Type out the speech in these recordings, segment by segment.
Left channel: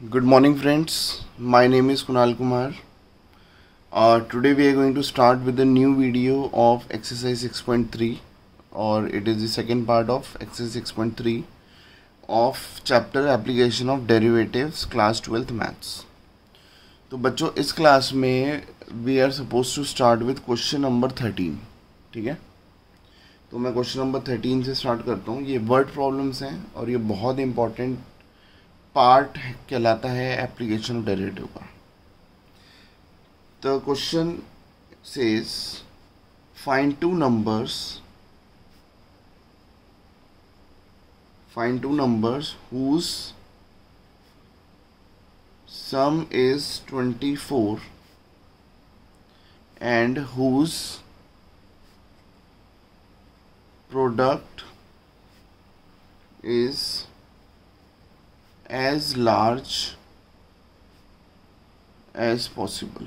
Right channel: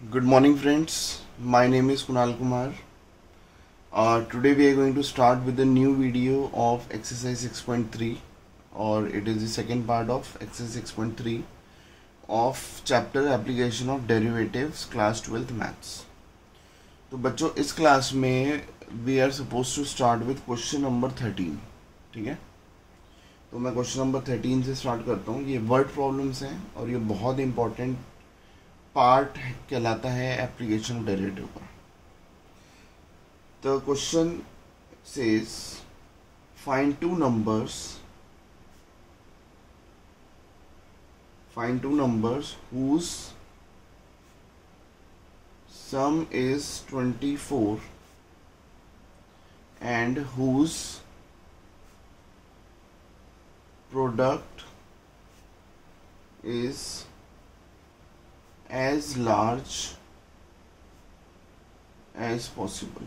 Good morning, friends. My name is Kunal Kumar. Today we are going to start with a new video of exercise 6.3, or it is the second part of exercise 6.3 of chapter application of derivatives class 12th maths. तो बच्चों इस class में we are supposed to start with question number 13. ठीक है, तो मैं question number 13 से start करता हूँ. ये वर्ड प्रॉब्लम्स हैं और ये बहुत इंपॉर्टेंट पार्ट कहलाता है एप्लीकेशन डेरिवेटिव का. The question says find two numbers whose sum is 24 and whose product is as large as possible.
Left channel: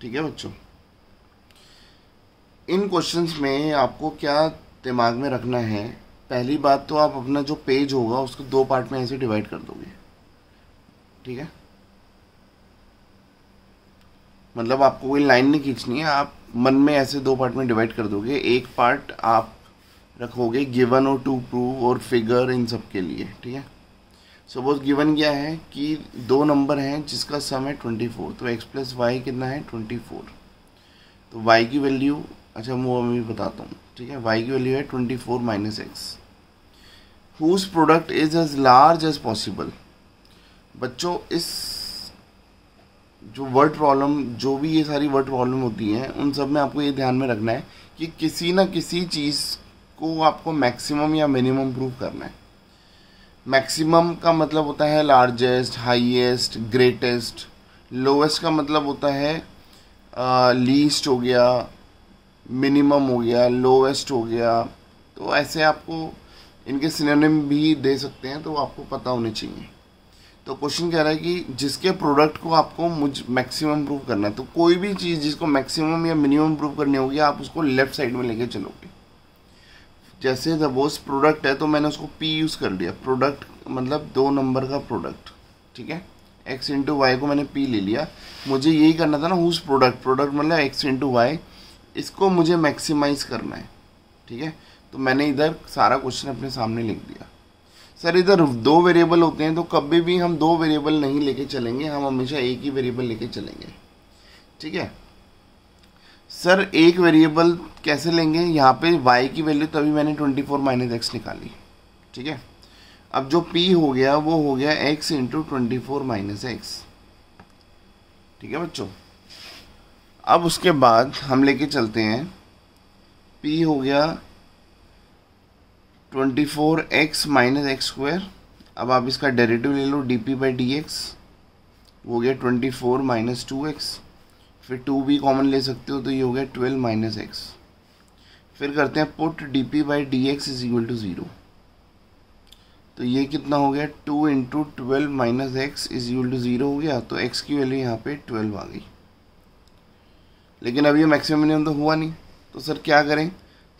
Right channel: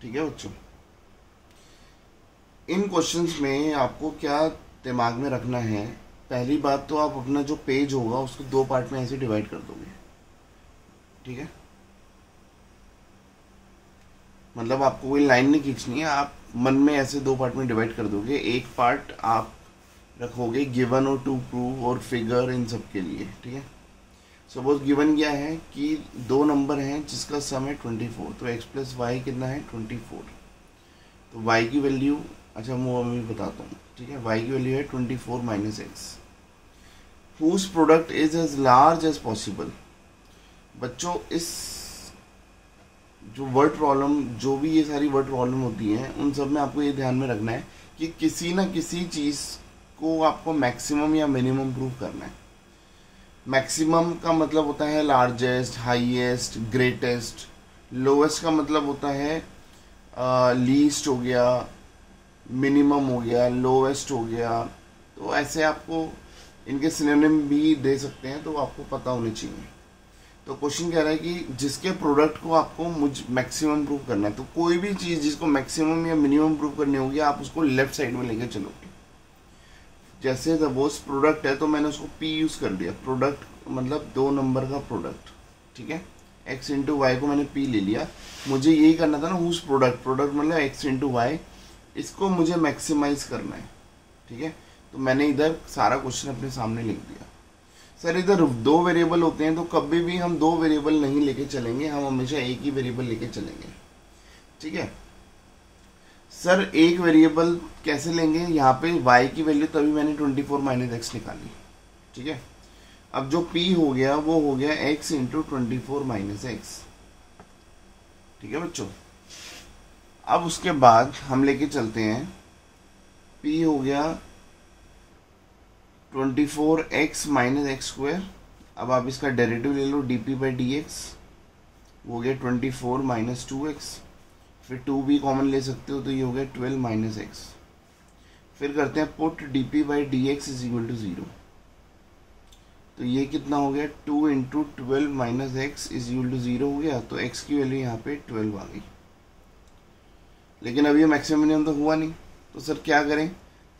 ठीक है बच्चों, इन क्वेश्चंस में आपको क्या दिमाग में रखना है. पहली बात तो आप अपना जो पेज होगा उसको दो पार्ट में ऐसे डिवाइड कर दोगे. ठीक है, मतलब आपको कोई लाइन नहीं खींचनी है, आप मन में ऐसे दो पार्ट में डिवाइड कर दोगे. एक पार्ट आप रखोगे गिवन और टू प्रूव और फिगर इन सब के लिए. ठीक है, सपोज गिवन क्या है कि दो नंबर हैं जिसका सम है 24, तो x प्लस वाई कितना है 24. तो y की वैल्यू, अच्छा मैं भी बताता हूँ. ठीक है, y की वैल्यू है 24 minus x. Whose product is as large as possible. बच्चों इस जो वर्ड प्रॉब्लम, जो भी ये सारी वर्ड प्रॉब्लम होती है उन सब में आपको ये ध्यान में रखना है कि किसी ना किसी चीज़ को आपको मैक्सिमम या मिनिमम प्रूव करना है. मैक्सिमम का मतलब होता है लार्जेस्ट, हाईएस्ट, ग्रेटेस्ट. लोवेस्ट का मतलब होता है लीस्ट हो गया, मिनिमम हो गया, लोवेस्ट हो गया. तो ऐसे आपको इनके सिनोनिम भी दे सकते हैं, तो आपको पता होने चाहिए. तो क्वेश्चन कह रहा है कि जिसके प्रोडक्ट को आपको मैक्सिमम प्रूव करना है. तो कोई भी चीज़ जिसको मैक्सिमम या मिनिमम प्रूव करनी होगी आप उसको लेफ्ट साइड में लेके चलोगे. जैसे सपोज प्रोडक्ट है तो मैंने उसको P यूज़ कर लिया. प्रोडक्ट मतलब दो नंबर का प्रोडक्ट. ठीक है, x इंटू वाई को मैंने P ले लिया. मुझे यही करना था ना, हुज प्रोडक्ट मतलब x इंटू वाई, इसको मुझे मैक्सिमाइज करना है. ठीक है, तो मैंने इधर सारा क्वेश्चन अपने सामने लिख दिया. सर इधर दो वेरिएबल होते हैं तो कभी भी हम दो वेरिएबल नहीं लेके चलेंगे, हम हमेशा एक ही वेरिएबल लेके चलेंगे. ठीक है सर, एक वेरिएबल कैसे लेंगे. यहाँ पे y की वैल्यू तभी मैंने 24 माइनस एक्स निकाली. ठीक है, अब जो p हो गया वो हो गया x इंटू 24 माइनस एक्स. ठीक है बच्चों, अब उसके बाद हम लेके चलते हैं p हो गया 24x माइनस एक्स स्क्वायर. अब आप इसका डेरिवेटिव ले लो डी बाई डी एक्स, वो हो गया 24 माइनस 2x. फिर 2 भी कॉमन ले सकते हो तो ये हो गया 12 माइनस एक्स. फिर करते हैं put d p by d x is equal to 0. तो ये कितना हो गया 2 into 12 minus x is equal to 0 हो गया. तो x की वैल्यू यहाँ पे 12 आ गई. लेकिन अभी मैक्सिमम मिनिमम तो हुआ नहीं, तो सर क्या करें,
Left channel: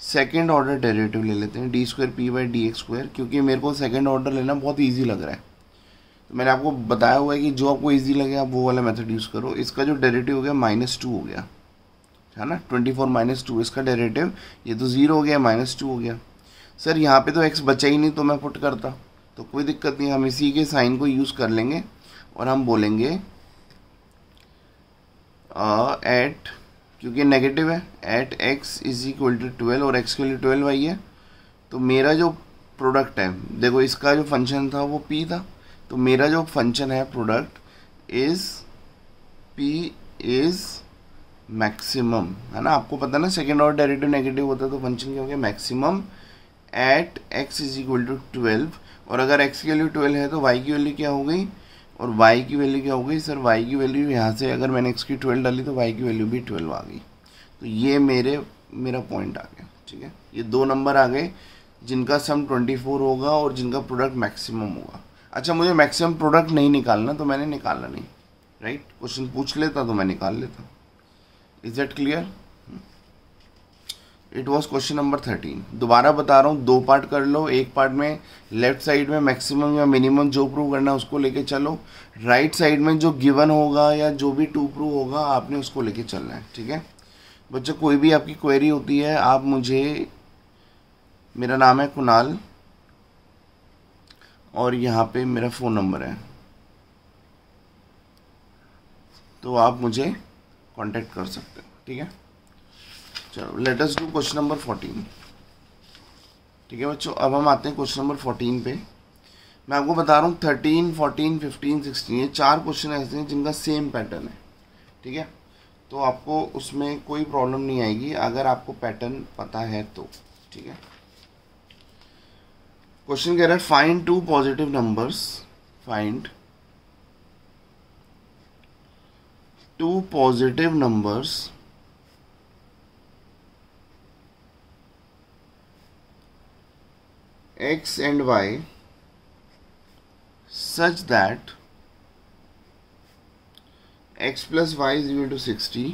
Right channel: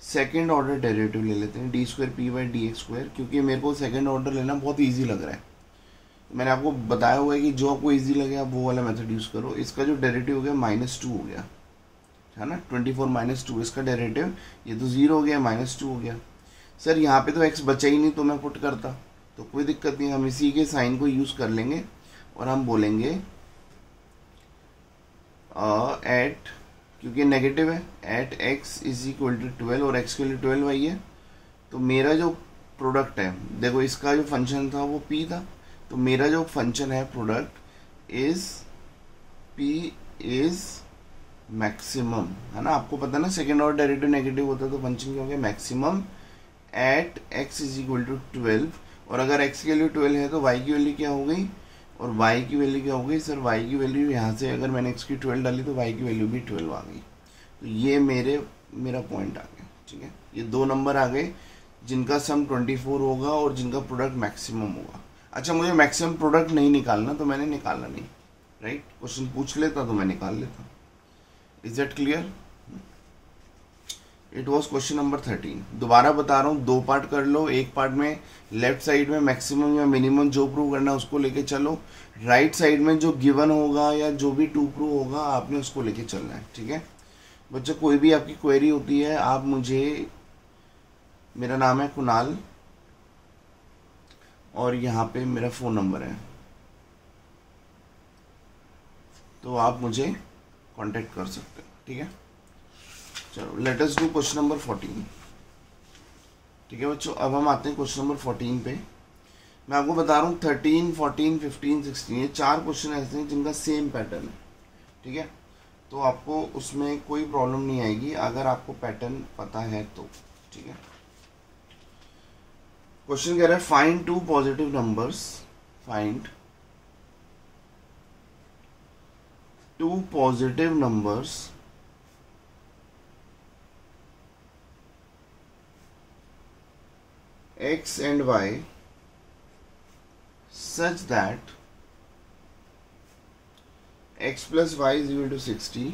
सेकेंड ऑर्डर डेरिवेटिव ले लेते हैं D square P by d x square, क्योंकि मेरे को सेकेंड ऑर्डर लेना बहुत ईजी लग रहा है. मैंने आपको बताया हुआ है कि जो आपको इजी लगे आप वो वाला मेथड यूज़ करो. इसका जो डेरिवेटिव हो गया -2 हो गया है ना, 24 माइनस 2 इसका डेरिवेटिव. ये तो 0 हो गया, -2 हो गया. सर यहाँ पे तो x बचा ही नहीं तो मैं पुट करता, तो कोई दिक्कत नहीं, हम इसी के साइन को यूज़ कर लेंगे और हम बोलेंगे एट, क्योंकि नेगेटिव है, at x is equal to 12 और x के लिए 12 आई है. तो मेरा जो प्रोडक्ट है, देखो इसका जो फंक्शन था वो p था, तो मेरा जो फंक्शन है product is p is maximum, है ना. आपको पता ना सेकेंड ऑर्डर डेरिवेटिव नेगेटिव होता है तो फंक्शन क्या हो गया maximum at x is equal to 12. और अगर x की वैल्यू 12 है तो y की वैल्यू क्या हो गई, और y की वैल्यू क्या हो गई. सर y की वैल्यू यहाँ से अगर मैंने x की 12 डाली तो y की वैल्यू भी 12 आ गई. तो ये मेरा पॉइंट आ गया. ठीक है, ये दो नंबर आ गए जिनका सम 24 होगा और जिनका प्रोडक्ट मैक्सिमम होगा. अच्छा, मुझे मैक्सिमम प्रोडक्ट नहीं निकालना तो मैंने निकाला नहीं. राइट, क्वेश्चन पूछ लेता तो मैं निकाल लेता. Is that clear. It was question number 13। दोबारा बता रहा हूँ, 2 पार्ट कर लो। एक पार्ट में लेफ्ट साइड में मैक्सिमम या मिनिमम जो प्रूव करना है उसको लेके चलो, राइट साइड में जो गिवन होगा या जो भी टू प्रूव होगा आपने उसको लेके चलना है, ठीक है बच्चों। कोई भी आपकी क्वेरी होती है आप मुझे, मेरा नाम है कुणाल और यहाँ पे मेरा फ़ोन नंबर है, तो आप मुझे कांटेक्ट कर सकते हैं, ठीक है। चलो let us do question number 14, ठीक है बच्चों। अब हम आते हैं क्वेश्चन नंबर 14 पे। मैं आपको बता रहा हूँ 13, 14, 15, 16 ये 4 क्वेश्चन ऐसे हैं जिनका सेम पैटर्न है, ठीक है। तो आपको उसमें कोई प्रॉब्लम नहीं आएगी अगर आपको पैटर्न पता है तो, ठीक है। क्वेश्चन कह रहा है find 2 positive numbers, find 2 positive numbers x and y such that x plus y is equal to 60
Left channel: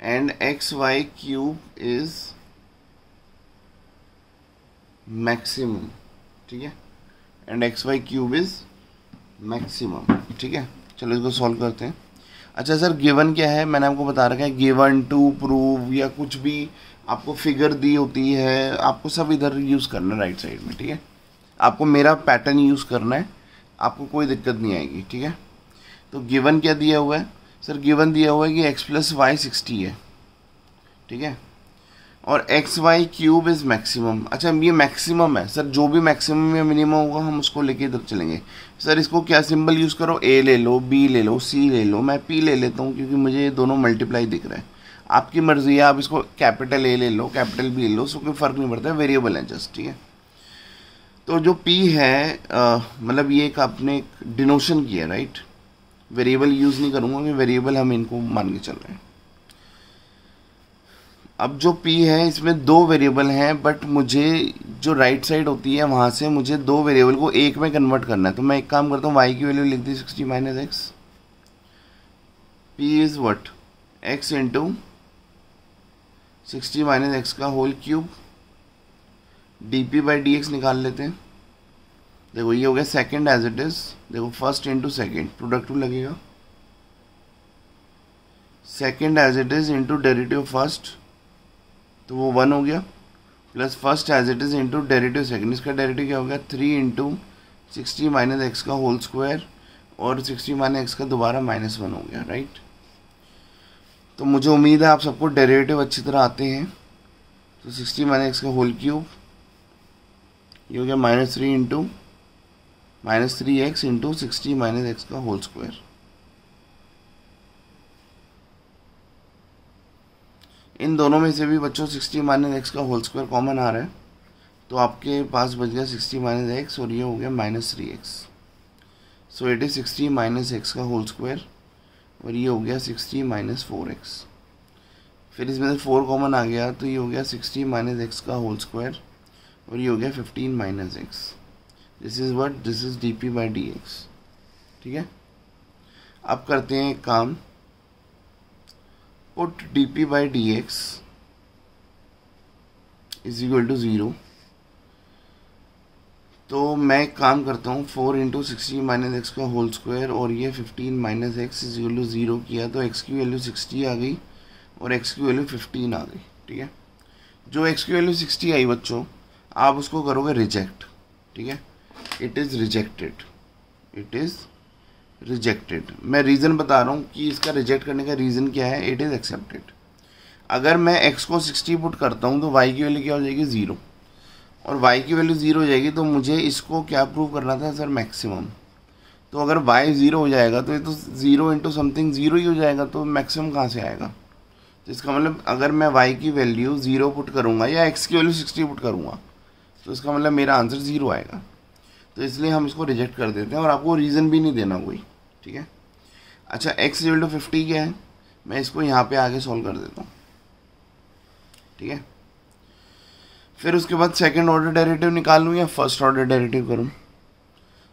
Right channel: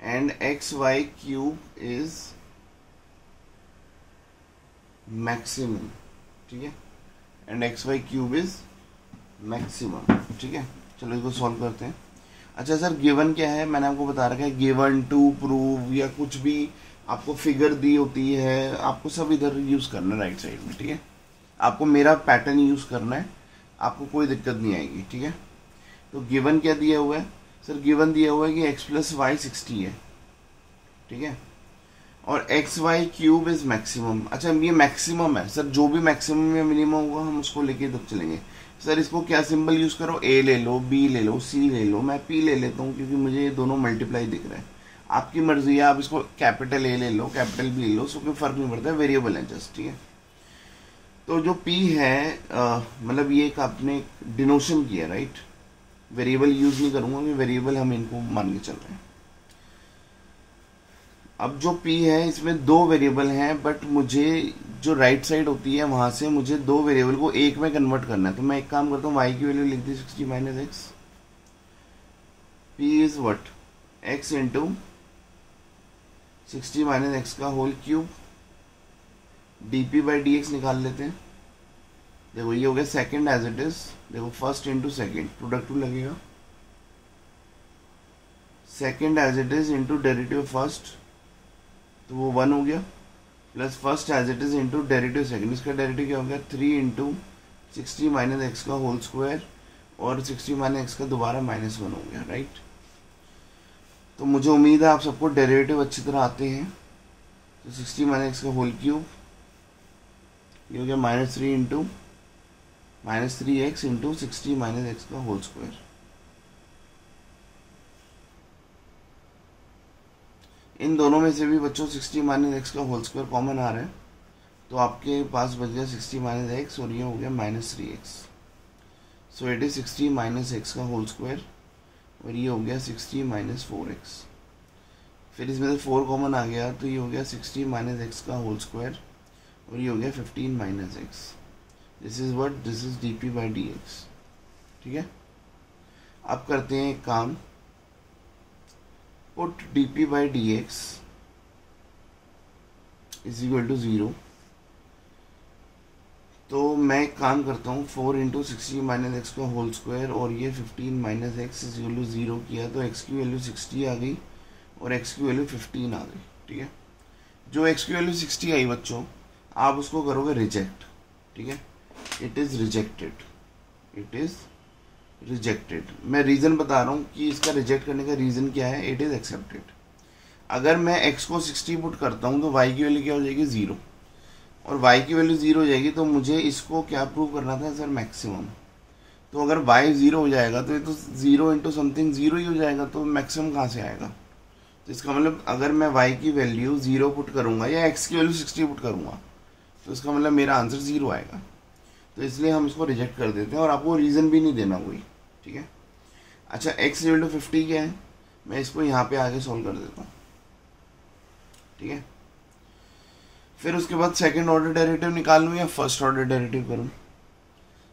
and xy cube is maximum, ठीक है, and xy cube is maximum, ठीक है। चलो इसको सॉल्व करते हैं। अच्छा सर गिवन क्या है, मैंने आपको बता रखा है गिवन टू प्रूव या कुछ भी आपको फिगर दी होती है आपको सब इधर यूज़ करना है राइट साइड में, ठीक है। आपको मेरा पैटर्न यूज़ करना है, आपको कोई दिक्कत नहीं आएगी, ठीक है। तो गिवन क्या दिया हुआ है सर, गिवन दिया हुआ है कि x प्लस वाई 60 है, ठीक है, और x y cube is maximum. अच्छा ये मैक्सिमम है सर, जो भी मैक्सिमम या मिनिमम होगा हम उसको लेके इधर चलेंगे। सर इसको क्या सिंबल यूज़ करो, a ले लो, b ले लो, c ले लो, मैं p ले लेता हूँ क्योंकि मुझे ये दोनों मल्टीप्लाई दिख रहा है। आपकी मर्जी है, आप इसको कैपिटल A ले लो, कैपिटल B ले लो, उसको कोई फ़र्क नहीं पड़ता, वेरिएबल है जस्ट, ठीक है। तो जो P है मतलब ये एक आपने डिनोशन किया, राइट। वेरिएबल यूज़ नहीं करूँगा कि वेरिएबल हम इनको मान के चल रहे हैं। अब जो P है इसमें 2 वेरिएबल हैं, बट मुझे जो राइट साइड होती है वहाँ से मुझे 2 वेरिएबल को एक में कन्वर्ट करना है। तो मैं एक काम करता हूँ, y की वैल्यू लिख दी 60 minus x, P is what x into 60 minus x का whole cube, dp by dx निकाल लेते हैं। देखो ये हो गया सेकंड एज इट इज, देखो फर्स्ट इंटू सेकेंड प्रोडक्ट लगेगा, second as it is into derivative first तो वो 1 हो गया, plus first as it is into derivative second, इसका डेरिवेटिव क्या हो गया 3 इंटू 60 माइनस एक्स का होल स्क्वायर और 60 माइनस एक्स का दोबारा -1 हो गया, राइट। तो मुझे उम्मीद है आप सबको डेरिवेटिव अच्छी तरह आते हैं। तो 60 माइनस एक्स का होल क्यूब ये हो गया -3 into -3x into 60 minus x का होल स्क्वायर। इन दोनों में से भी बच्चों 60 माइनस एक्स का होल स्क्वायर कॉमन आ रहा है, तो आपके पास बच गया 60 माइनस एक्स और ये हो गया -3x। So it is 60 minus x का होल स्क्वायर और ये हो गया 60 माइनस 4x। फिर इसमें से 4 कॉमन आ गया तो ये हो गया 60 माइनस एक्स का होल स्क्वायर और ये हो गया 15 minus x. This is what, this is dp by dx, ठीक है। अब करते हैं एक काम, put dp by dx is equal to 0। तो मैं एक काम करता हूँ 4 इंटू 60 माइनस एक्स का होल स्क्वायर और ये 15 minus x is equal to 0 किया तो x की वैल्यू 60 आ गई और x की वैल्यू 15 आ गई, ठीक है। जो x की वैल्यू 60 आई बच्चों आप उसको करोगे रिजेक्ट, ठीक है। It is rejected, it is rejected. मैं रीज़न बता रहा हूँ कि इसका रिजेक्ट करने का रीज़न क्या है, इट इज़ एक्सेप्टेड। अगर मैं x को 60 पुट करता हूँ तो y की वैल्यू क्या हो जाएगी 0 और y की वैल्यू 0 हो जाएगी, तो मुझे इसको क्या प्रूव करना था सर, मैक्सिमम। तो अगर y 0 हो जाएगा तो ये तो 0 इंटू समथिंग 0 ही हो जाएगा, तो मैक्सिमम कहाँ से आएगा। तो इसका मतलब अगर मैं y की वैल्यू 0 पुट करूँगा या x की वैल्यू 60 पुट करूँगा तो इसका मतलब मेरा आंसर 0 आएगा। तो इसलिए हम इसको रिजेक्ट कर देते हैं और आपको रीज़न भी नहीं देना कोई, ठीक है। अच्छा x इक्वल टू 50 क्या है, मैं इसको यहाँ पे आगे सॉल्व कर देता हूँ, ठीक है। फिर उसके बाद सेकंड ऑर्डर डेरिवेटिव निकालूँ या फर्स्ट ऑर्डर डेरिवेटिव करूँ।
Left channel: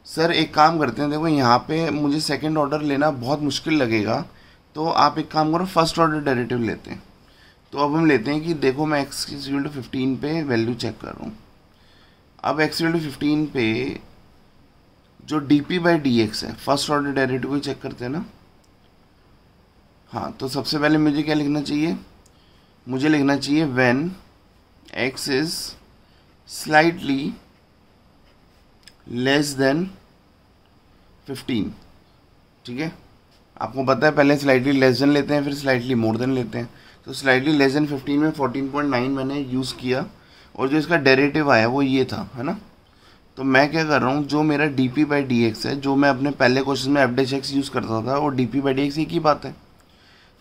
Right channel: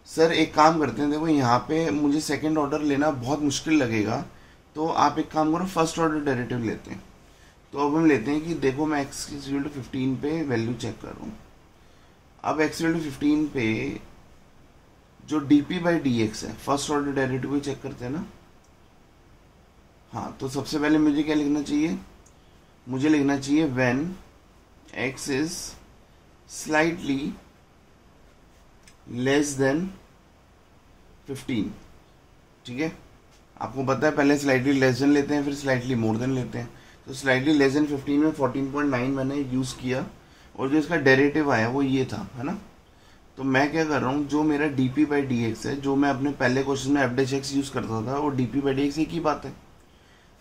सर एक काम करते हैं, देखो यहाँ पे मुझे सेकंड ऑर्डर लेना बहुत मुश्किल लगेगा, तो आप एक काम करो फर्स्ट ऑर्डर डेरिवेटिव लेते हैं। तो अब हम लेते हैं कि देखो मैं x इक्वल टू 15 पे वैल्यू चेक कर रहा हूँ। अब x इक्वल टू 15 पे जो dp बाई dx है, फर्स्ट ऑर्डर डेरिवेटिव को चेक करते हैं ना। हाँ, तो सबसे पहले मुझे क्या लिखना चाहिए, मुझे लिखना चाहिए when x is slightly less then 15। ठीक है, आपको पता है पहले स्लाइटली लेस देन लेते हैं फिर स्लाइटली मोर देन लेते हैं। तो स्लाइटली लेस देन 15 में 14.9 मैंने यूज़ किया और जो इसका डेरिवेटिव आया वो ये था, है ना। तो मैं क्या कर रहा हूँ, जो मेरा D p by d x है, जो मैं अपने पहले क्वेश्चन में एफ डैश एक्स यूज़ करता था, और D p by d x एक ही बात है।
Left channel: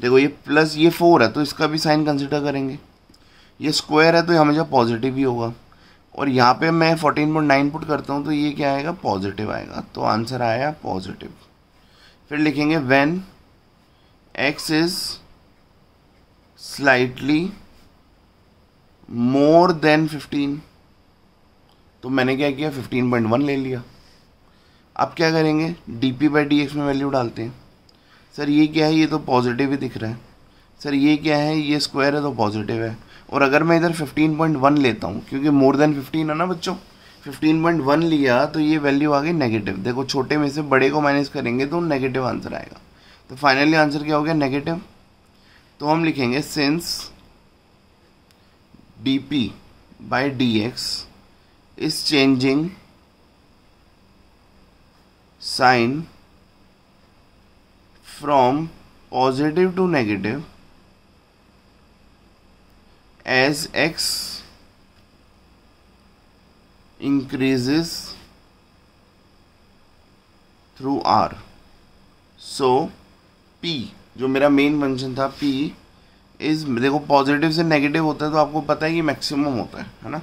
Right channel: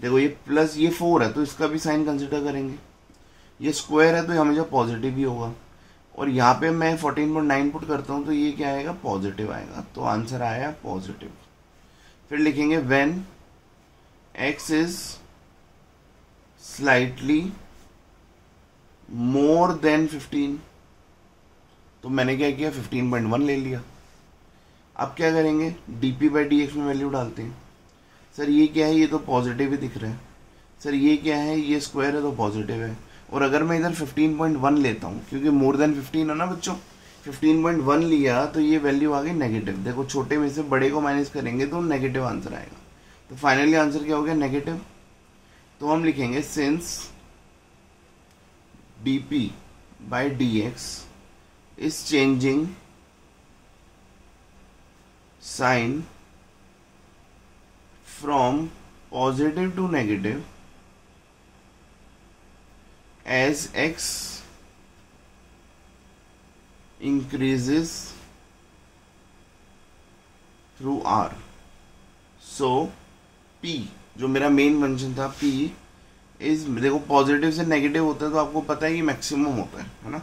देखो ये प्लस ये 4 है तो इसका भी साइन कंसिडर करेंगे, ये स्क्वायर है तो हमेशा पॉजिटिव ही होगा, और यहाँ पे मैं 14.9 पुट करता हूँ तो ये क्या आएगा, पॉजिटिव आएगा। तो आंसर आया पॉजिटिव। फिर लिखेंगे when x is slightly more then 15। तो मैंने क्या किया, 15.1 ले लिया। अब क्या करेंगे, dp बाई डी एक्स में वैल्यू डालते हैं। सर ये क्या है, ये तो पॉजिटिव ही दिख रहा है। सर ये क्या है, ये स्क्वायर है तो पॉजिटिव है। और अगर मैं इधर 15.1 लेता हूँ, क्योंकि मोर देन 15 है ना बच्चों, 15.1 लिया तो ये वैल्यू आ गई नेगेटिव। देखो छोटे में से बड़े को माइनस करेंगे तो नेगेटिव आंसर आएगा। तो फाइनली आंसर क्या हो गया, नेगेटिव। तो हम लिखेंगे since dp by d x is changing sign from positive to negative as x increases through r, so p जो मेरा मेन फंक्शन था p इज, देखो पॉजिटिव से नेगेटिव होता है तो आपको पता है कि मैक्सिमम होता है ना।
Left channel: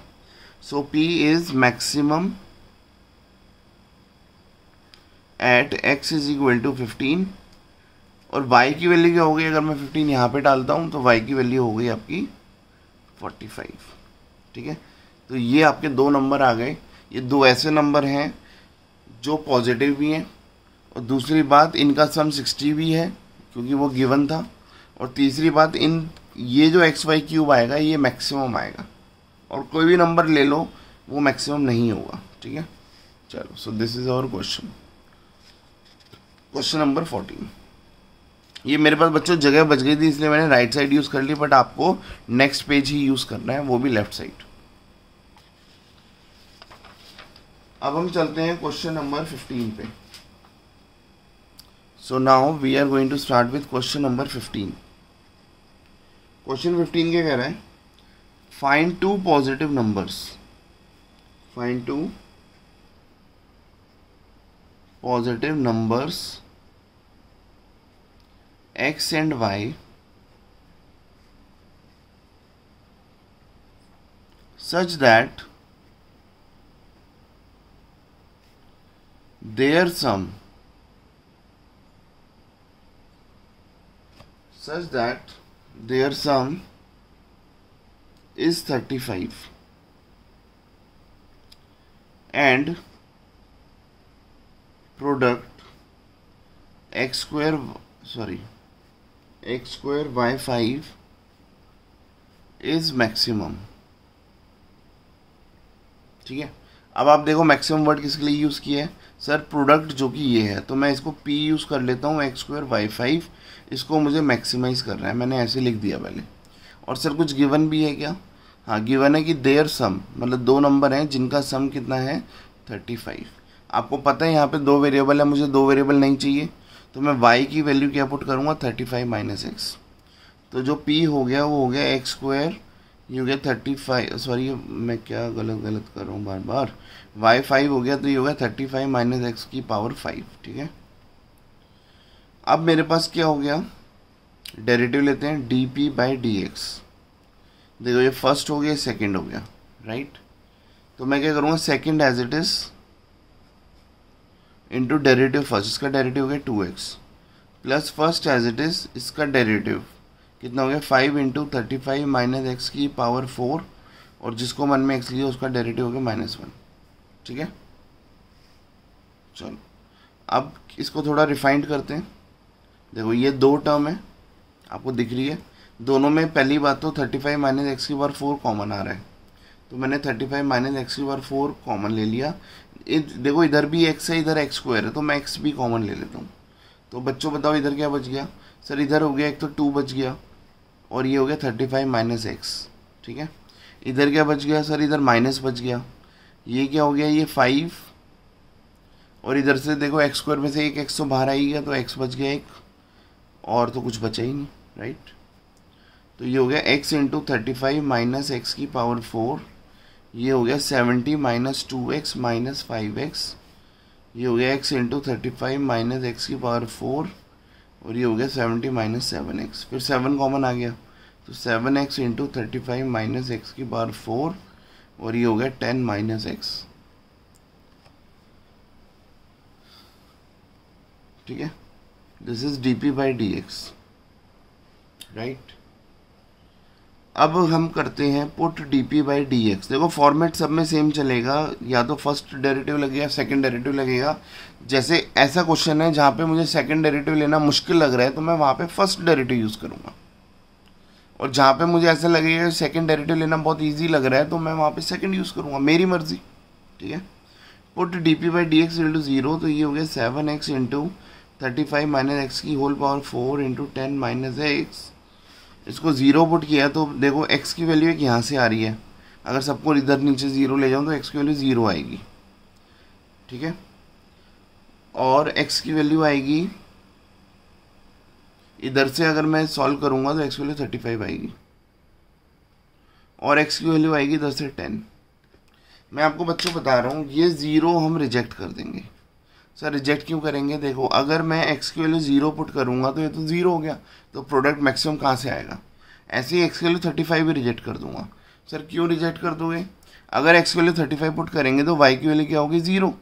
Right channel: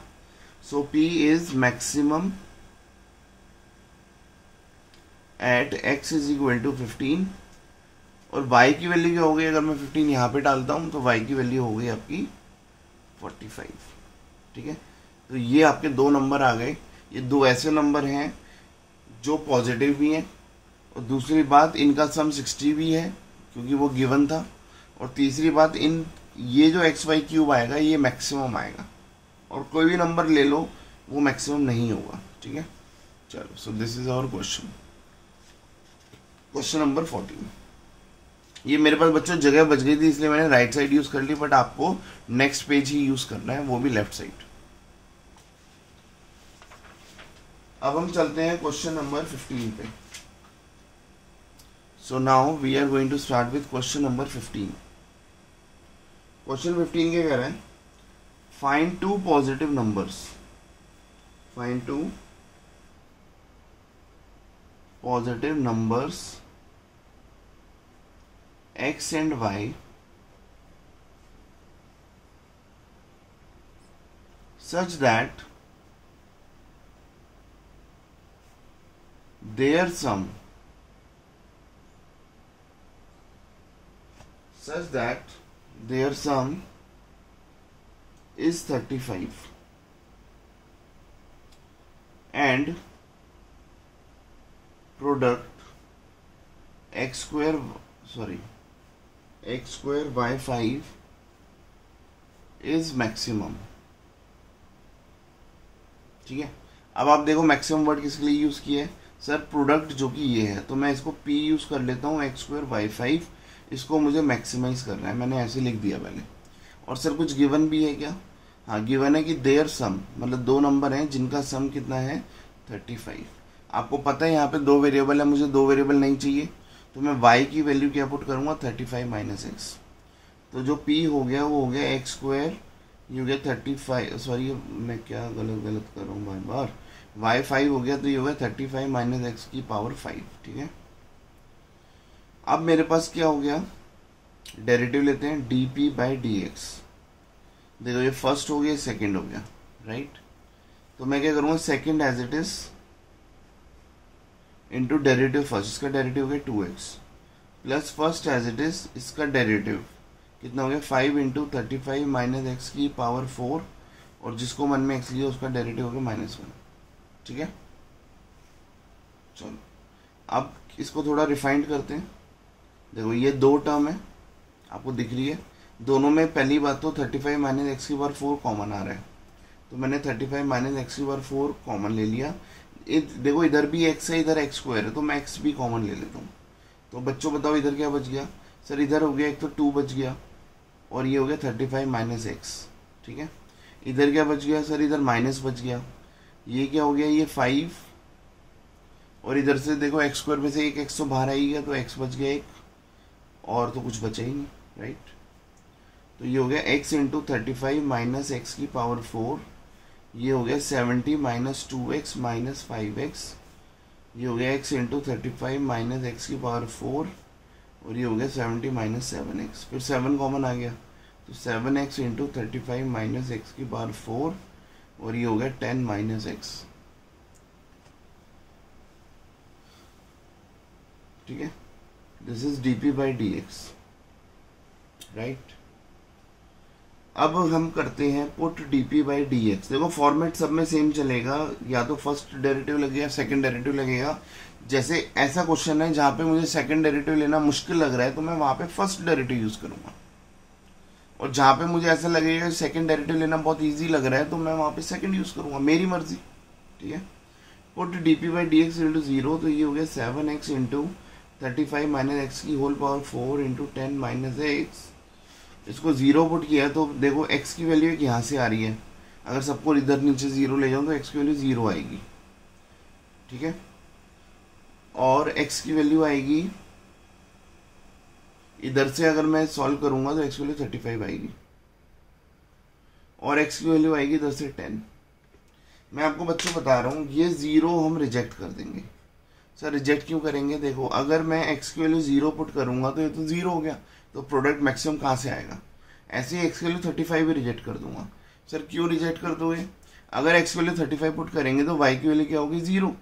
So p is maximum at x is equal to 15, और y की वैल्यू क्या हो गई, अगर मैं 15 यहाँ पे डालता हूँ तो y की वैल्यू हो गई आपकी 45। ठीक है, तो ये आपके दो नंबर आ गए। ये दो ऐसे नंबर हैं जो पॉजिटिव भी हैं, और दूसरी बात इनका सम 60 भी है क्योंकि वो गिवन था, और तीसरी बात इन ये जो एक्स वाई क्यूब आएगा ये मैक्सिमम आएगा, और कोई भी नंबर ले लो वो मैक्सिमम नहीं होगा। ठीक है, चलो so this is our question, question number 14। ये मेरे पास बच्चों जगह बच गई थी इसलिए मैंने राइट साइड यूज कर ली, बट आपको नेक्स्ट पेज ही यूज करना है, वो भी लेफ्ट साइड। अब हम चलते हैं क्वेश्चन नंबर 15 पे। So now we are going to start with question number 15। Question 15 क्या कह रहा है, find two positive numbers, find two positive numbers x and y such that their sum is 35 and product x square y5 is maximum. ठीक है, अब आप देखो maximum word किसके लिए यूज किया है, सर प्रोडक्ट जो कि ये है, तो मैं इसको p यूज कर लेता हूँ, x स्क्वायर y5, इसको मुझे मैक्सिमाइज करना है, मैंने ऐसे लिख दिया पहले। और सर कुछ गिवन भी है क्या, हाँ गिवन है कि देयर सम, मतलब दो नंबर हैं जिनका सम कितना है 35। आपको पता है यहाँ पे दो वेरिएबल है, मुझे दो वेरिएबल नहीं चाहिए, तो मैं y की वैल्यू क्या पुट करूँगा 35 माइनस एक्स। तो जो p हो गया वो हो गया एक्स स्क्वायर, ये हो गया 35, सॉरी मैं क्या गलत कर रहा हूँ बार बार, y5 हो गया तो ये हो गया 35 माइनस एक्स की पावर 5। ठीक है, अब मेरे पास क्या हो गया, डेरिवेटिव लेते हैं dp बाई डी एक्स। देखो ये फर्स्ट हो गया, सेकंड हो गया, राइट। तो मैं क्या करूँगा, second as it is into derivative first, इसका डेरिवेटिव हो गया 2x plus first as it is, इसका डेरिवेटिव कितना हो गया 5 इंटू 35 माइनस एक्स की पावर 4, और जिसको मन में x लिया उसका डेरिवेटिव हो गया -1। ठीक है, चलो अब इसको थोड़ा रिफाइंड करते हैं। देखो ये दो टर्म है, आपको दिख रही है, दोनों में पहली बात तो 35 माइनस एक्स की पावर 4 कॉमन आ रहा है, तो मैंने 35 माइनस एक्स की पावर 4 कॉमन ले लिया। देखो इधर भी एक्स है, इधर एक्स स्क्वायर है, तो मैं एक्स भी कॉमन ले लेता हूँ। तो बच्चों बताओ इधर क्या बच गया? सर इधर हो गया एक तो 2 बच गया, और ये हो गया 35 माइनस एक्स। ठीक है, इधर क्या बच गया? सर इधर माइनस बच गया, ये क्या हो गया? ये 5, और इधर से देखो एक्स स्क्वायर में से एक एक्स तो बाहर आई गया, तो एक्स बच गया एक, और तो कुछ बचा ही नहीं, राइट। तो ये हो गया x इंटू 35 माइनस एक्स की पावर 4, ये हो गया 70 माइनस 2x माइनस 5x, ये हो गया x इंटू 35 माइनस एक्स की पावर 4, और ये हो गया 70 माइनस 7x, फिर 7 कॉमन आ गया, तो 7x इंटू 35 माइनस एक्स की पावर 4, और ये हो गया 10 माइनस एक्स। ठीक है, this is dp by dx, right. अब हम करते हैं पुट dp बाई dx। देखो फॉर्मेट सब में सेम चलेगा, या तो फर्स्ट डेरिवेटिव लगेगा, सेकंड डेरिवेटिव लगेगा। जैसे ऐसा क्वेश्चन है जहाँ पे मुझे सेकंड डेरिवेटिव लेना मुश्किल लग रहा है, तो मैं वहाँ पे फर्स्ट डेरिवेटिव यूज़ करूँगा, और जहाँ पे मुझे ऐसा लगेगा सेकंड डेरिवेटिव लेना बहुत ईजी लग रहा है, तो मैं वहाँ पे सेकंड यूज़ करूँगा, मेरी मर्जी। ठीक है, put dp by dx into 0, तो ये हो गया 7x इंटू 35 माइनस एक्स की whole power 4 into 10 minus x. इसको 0 पुट किया तो देखो x की वैल्यू एक यहाँ से आ रही है, अगर सबको इधर नीचे 0 ले जाऊँ तो x की वैल्यू 0 आएगी। ठीक है, और x की वैल्यू आएगी इधर से, अगर मैं सॉल्व करूँगा तो x की वैल्यू 35 आएगी, और x की वैल्यू आएगी इधर से 10। मैं आपको बच्चों बता रहा हूँ ये 0 हम रिजेक्ट कर देंगे। सर रिजेक्ट क्यों करेंगे? देखो अगर मैं x की वैल्यू 0 पुट करूँगा तो ये तो 0 हो गया, तो प्रोडक्ट मैक्सिमम कहाँ से आएगा? ऐसे ही x की वैल्यू 35 भी रिजेक्ट कर दूंगा। सर क्यों रिजेक्ट कर दोगे? अगर x की वैल्यू 35 पुट करेंगे तो y की वैल्यू क्या होगी? 0।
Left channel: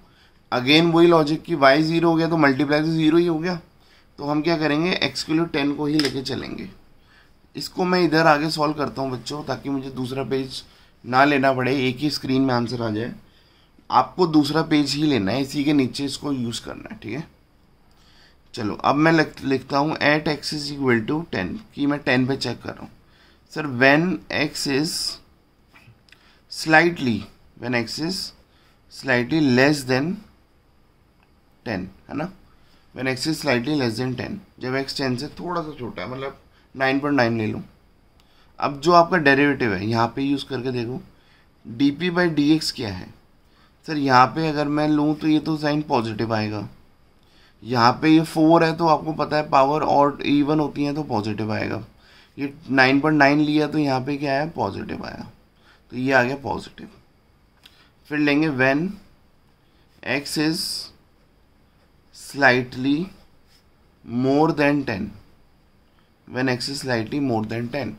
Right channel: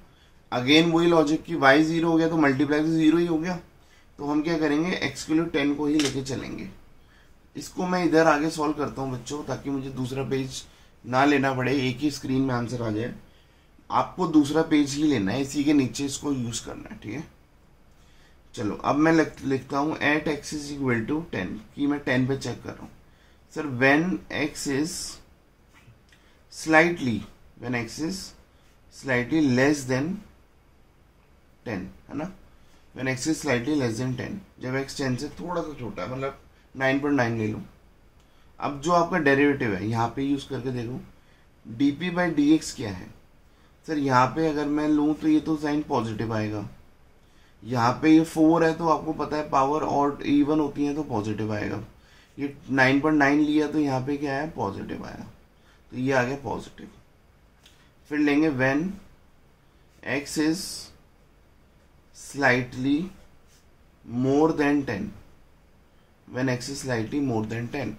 अगेन वही लॉजिक कि y 0 हो गया तो मल्टीप्लाई तो 0 ही हो गया, तो हम क्या करेंगे x की वैल्यू 10 को ही लेके चलेंगे। इसको मैं इधर आगे सॉल्व करता हूँ बच्चों, ताकि मुझे दूसरा पेज ना लेना पड़े, एक ही स्क्रीन में आंसर आ जाए। आपको दूसरा पेज ही लेना है, इसी के नीचे इसको यूज़ करना है। ठीक है, चलो अब मैं लिखता हूँ at x is equal to 10, कि मैं 10 पे चेक कर रहा हूँ। Sir when x is slightly less than 10, है ना। When x is slightly less than 10, जब x 10 से थोड़ा सा छोटा है, मतलब 9.9 ले लूँ। अब जो आपका डेरिवेटिव है यहाँ पे यूज़ करके देखो, dp बाई dx क्या है? सर यहाँ पे अगर मैं लूँ तो ये तो साइन पॉजिटिव आएगा, यहाँ पे ये 4 है तो आपको पता है पावर और इवन होती है तो पॉजिटिव आएगा। ये 9.9 लिया तो यहाँ पे क्या आया? पॉजिटिव आया, तो ये आ गया पॉजिटिव। फिर लेंगे when x is slightly more then 10, when x is slightly more then 10,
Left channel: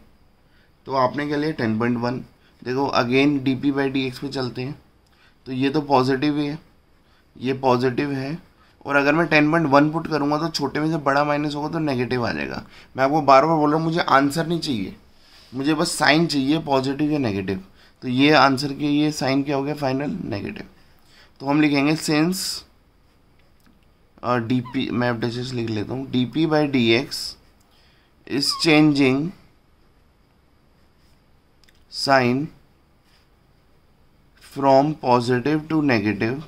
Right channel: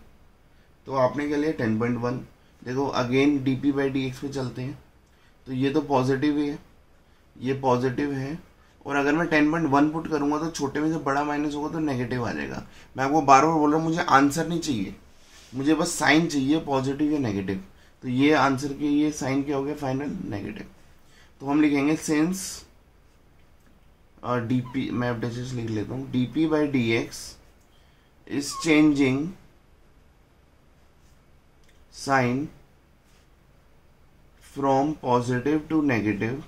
तो आपने क्या लिया? 10.1। देखो अगेन dp बाई dx पे चलते हैं, तो ये तो पॉजिटिव ही है, ये पॉजिटिव है, और अगर मैं 10.1 पुट करूंगा तो छोटे में से बड़ा माइनस होगा तो नेगेटिव आ जाएगा। मैं आपको बार बार बोल रहा हूँ, मुझे आंसर नहीं चाहिए, मुझे बस साइन चाहिए, पॉजिटिव या नेगेटिव। तो ये आंसर के ये साइन क्या हो गया? Final negative. तो हम लिखेंगे सिंस dp, मैं अब डिजिट्स लिख लेता हूँ, dp by dx is changing sign from positive to negative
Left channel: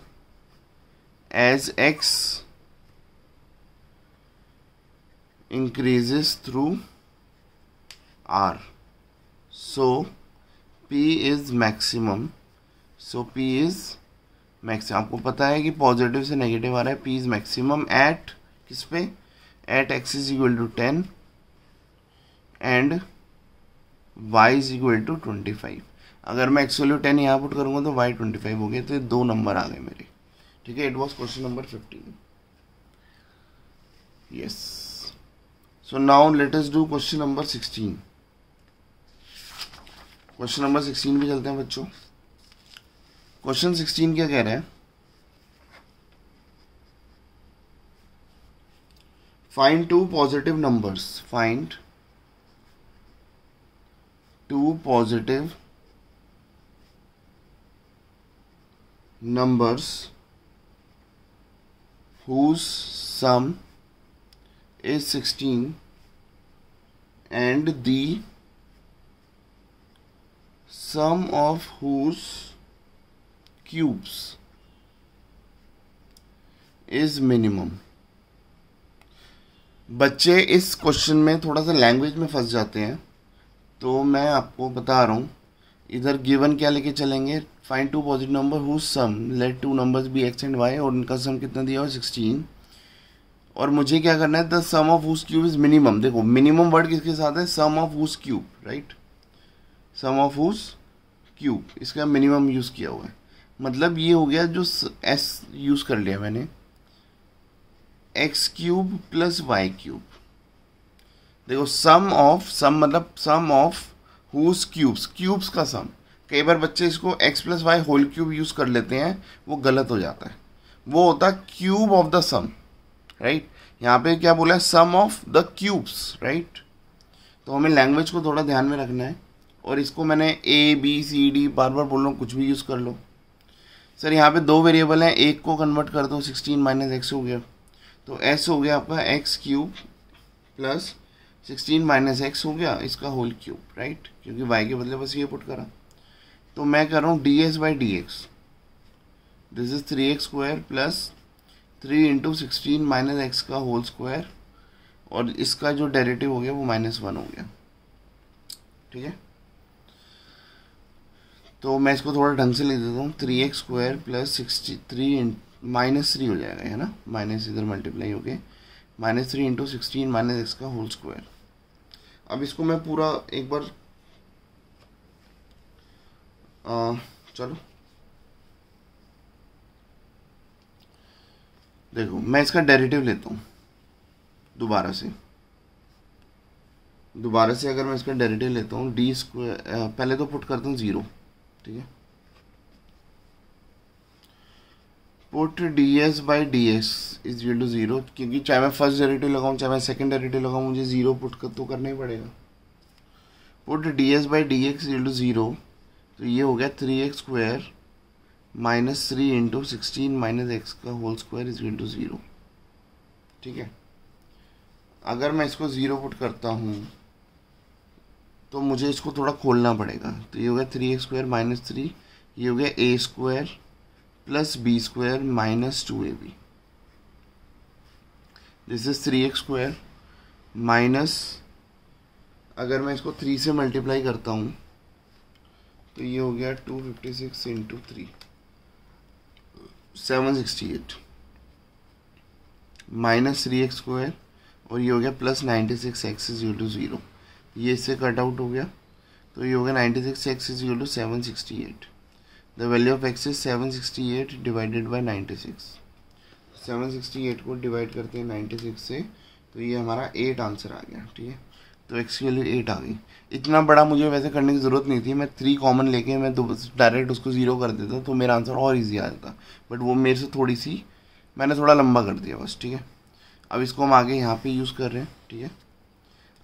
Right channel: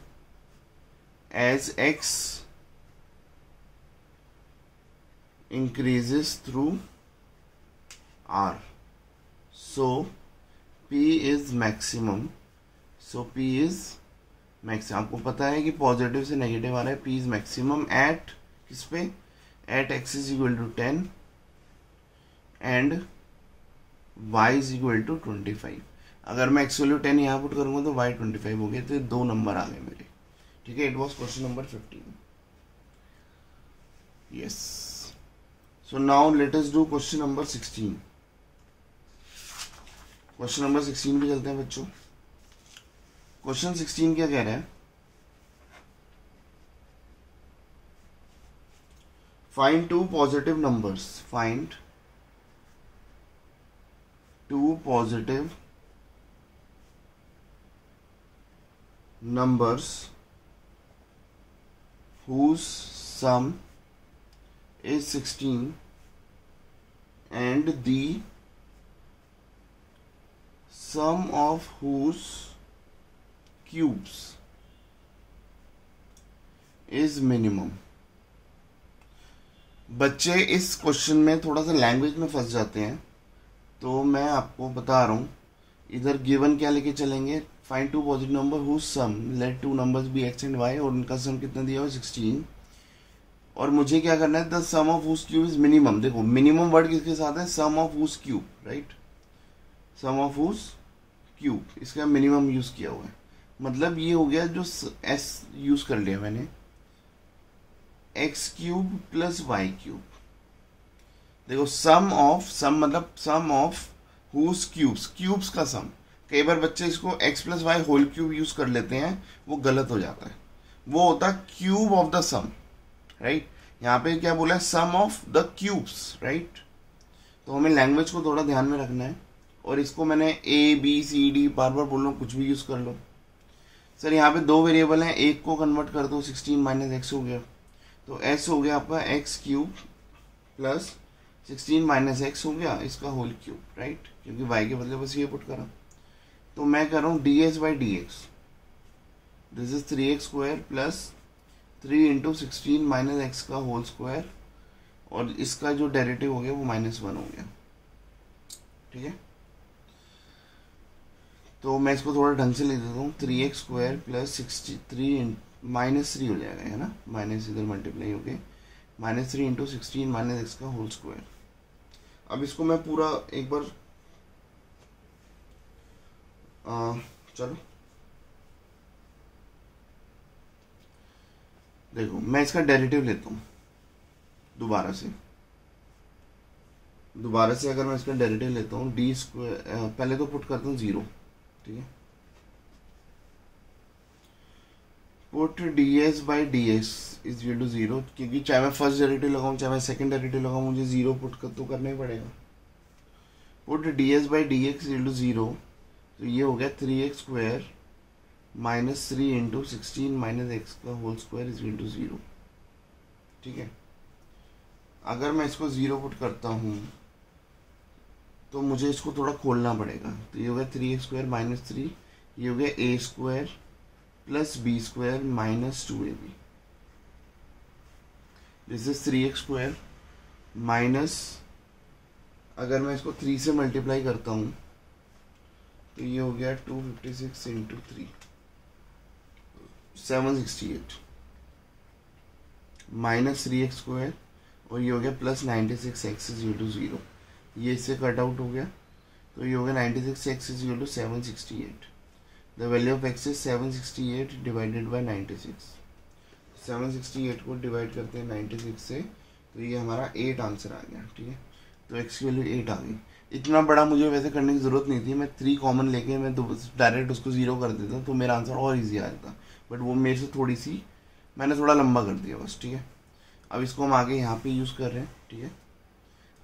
as x increases through r, so p is maximum, आपको पता है कि पॉजिटिव से नेगेटिव आ रहा है, p is maximum at किस पे? at x is equal to 10 and y is equal to 25। अगर मैं x वैल्यू 10 यहाँ पुट करूँगा तो y 25 हो गया, तो 2 नंबर आ गए मेरे। ठीक है, it was question number 15। Yes, so now let us do question number 16। Question number 16 पे चलते हैं बच्चों। क्वेश्चन 16 क्या कह रहा है? Find two positive numbers, find two positive numbers whose sum is 16 and the sum of whose cubes is minimum। बच्चे इस क्वेश्चन में थोड़ा सा लैंग्वेज में फंस जाते हैं, तो मैं आपको बता रहा हूँ। इधर गिवन क्या लेके चलेंगे, find two positive number whose sum let two numbers be x and y, और उनका सम कितना दिया हो 16, और मुझे क्या करना है, the sum of whose cube is minimum. देखो मिनिमम वर्ड किसके साथ है, sum of whose cube, right, sum of whose cube, इसका मिनिमम यूज किया हुआ है। मतलब ये हो गया, जो एस यूज कर लिया मैंने, x cube plus y cube. देखो सम मतलब sum of whose cubes, cubes का सम। कई बार बच्चे इसको x plus y whole cube use कर लेते हैं, वो गलत हो जाता है। वो होता है cube of the sum, right. यहाँ पे क्या बोला है, sum of the cubes, right. तो हमें लैंग्वेज को थोड़ा ध्यान में रखना है। और इसको मैंने ए बी सी डी बार बार बोल रहा हूँ, कुछ भी यूज कर लो। सर यहाँ पे दो वेरिएबल हैं, एक को कन्वर्ट कर दो, 16 माइनस एक्स हो गया, तो एस हो गया आपका x cube plus 16 minus x हो गया इसका होल क्यूब, राइट, क्योंकि वाई के बदले बस ये पुट करा। तो मैं कर रहा हूँ D s by d x, this is 3x square plus 3 into 16 minus x का होल स्क्वायर, और इसका जो डेरिवेटिव हो गया वो -1 हो गया, ठीक है। तो मैं इसको थोड़ा ढंग से ले देता हूँ, 3x स्क्वायर प्लस 63 -3 हो जाएगा, है ना, माइनस इधर मल्टीप्लाई हो गए, -3 इंटू 16 माइनस एक्स का होल स्क्वायर। अब इसको मैं पूरा एक बार चलो देखो, मैं इसका डेरिवेटिव लेता हूँ दोबारा से अगर मैं इसका डेरिवेटिव लेता हूँ, डी स्क्वायर, पहले तो पुट करता हूँ 0, ठीक है। Put d s by d s is equal to 0, क्योंकि चाहे मैं फर्स्ट डेरिवेटिव लगाऊं चाहे मैं सेकंड डेरिवेटिव लगाऊं, मुझे 0 पुट कर तो करना ही पड़ेगा। Put d s by d x is equal to 0, तो ये हो गया 3x square minus 3 into 16 minus x का whole square is equal to 0, ठीक है। अगर मैं इसको 0 पुट करता हूँ तो मुझे इसको थोड़ा खोलना पड़ेगा, तो ये हो गया 3x स्क्वायर माइनस 3, ये हो गया a square plus b square minus 2ab, this is 3x square minus, अगर मैं इसको 3 से मल्टीप्लाई करता हूँ तो ये हो गया 256 इंटू 3 768 माइनस 3x स्क्वायर, और ये हो गया plus 96 x is equal to 0, ये इससे कट आउट हो गया, तो ये हो गया 96 x is equal to 768। The value of x is 768 divided by 96, 768 को डिवाइड करते हैं 96 से, तो ये हमारा 8 आंसर आ गया, ठीक है। तो एक्स की वैल्यू 8 आ गई। इतना बड़ा मुझे वैसे करने की ज़रूरत नहीं थी, मैं 3 कॉमन लेके मैं डायरेक्ट उसको 0 कर देता तो मेरा आंसर और इजी आ जाता, बट वो मेरे से थोड़ी सी मैंने थोड़ा लंबा कर दिया बस, ठीक है। अब इसको हम आगे यहाँ पे यूज़ कर रहे हैं, ठीक है।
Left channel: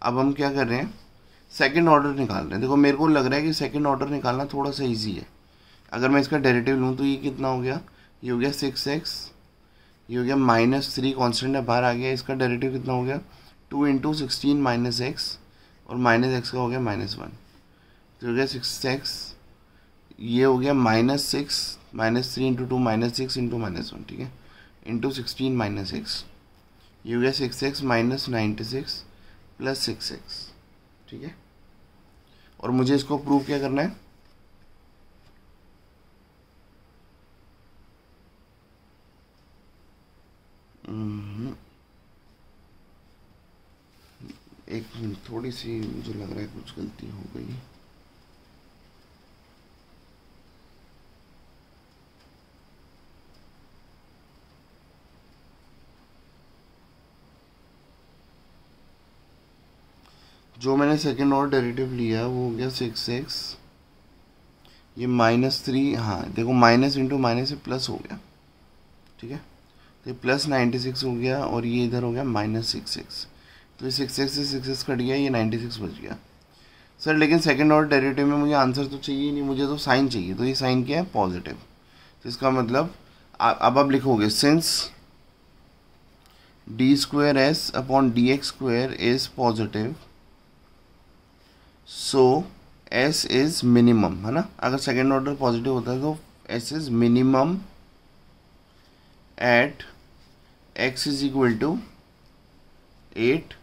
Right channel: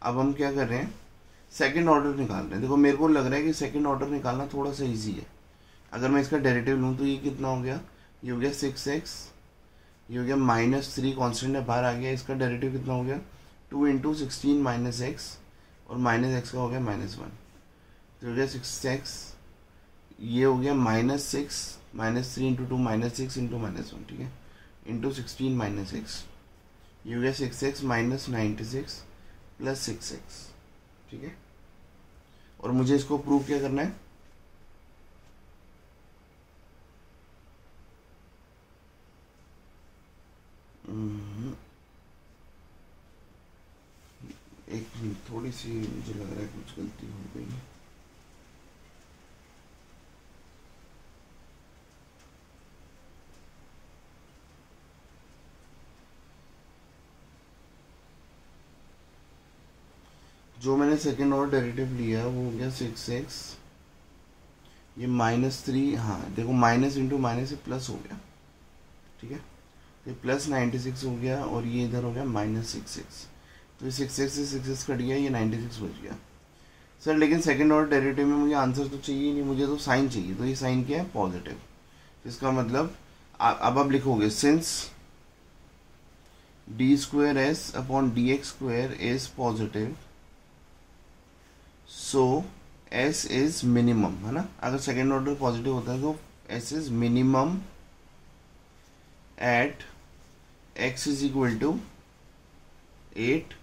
अब हम क्या कर रहे हैं, सेकंड ऑर्डर निकाल रहे हैं। देखो मेरे को लग रहा है कि सेकंड ऑर्डर निकालना थोड़ा सा इजी है। अगर मैं इसका डेरिवेटिव लूँ तो ये कितना हो गया, ये हो गया 6x, ये हो गया -3 कॉन्स्टेंट है बाहर आ गया, इसका डेरिवेटिव कितना हो गया 2 इंटू 16 माइनस एक्स, और माइनस एक्स का हो गया -1, तो हो गया 6x, ये हो गया -6 -3 इंटू 2 -6 इंटू -1, ठीक है, इंटू 16 माइनस एक्स, ये हो गया 6x माइनस 96 प्लस 6x, ठीक है। और मुझे इसको प्रूव क्या करना है, एक थोड़ी सी मुझे लग रहा है कुछ गलती हो गई। जो मैंने सेकेंड ऑर्डर डेरिवेटिव लिया वो हो गया 6x, ये -3, हाँ देखो माइनस इंटू माइनस से प्लस हो गया, ठीक है, तो प्लस 96 हो गया, और ये इधर हो गया -6x, तो ये 6x से 6x कट गया, ये 96 बच गया। सर लेकिन सेकेंड ऑर्डर डेरिवेटिव में मुझे आंसर तो चाहिए नहीं, मुझे तो साइन चाहिए, तो ये साइन क्या है, पॉजिटिव। तो इसका मतलब अब आप लिखोगे since d square s upon d x square is positive, so s is minimum, है ना। अगर सेकेंड ऑर्डर पॉजिटिव होता है तो s is minimum at x is equal to 8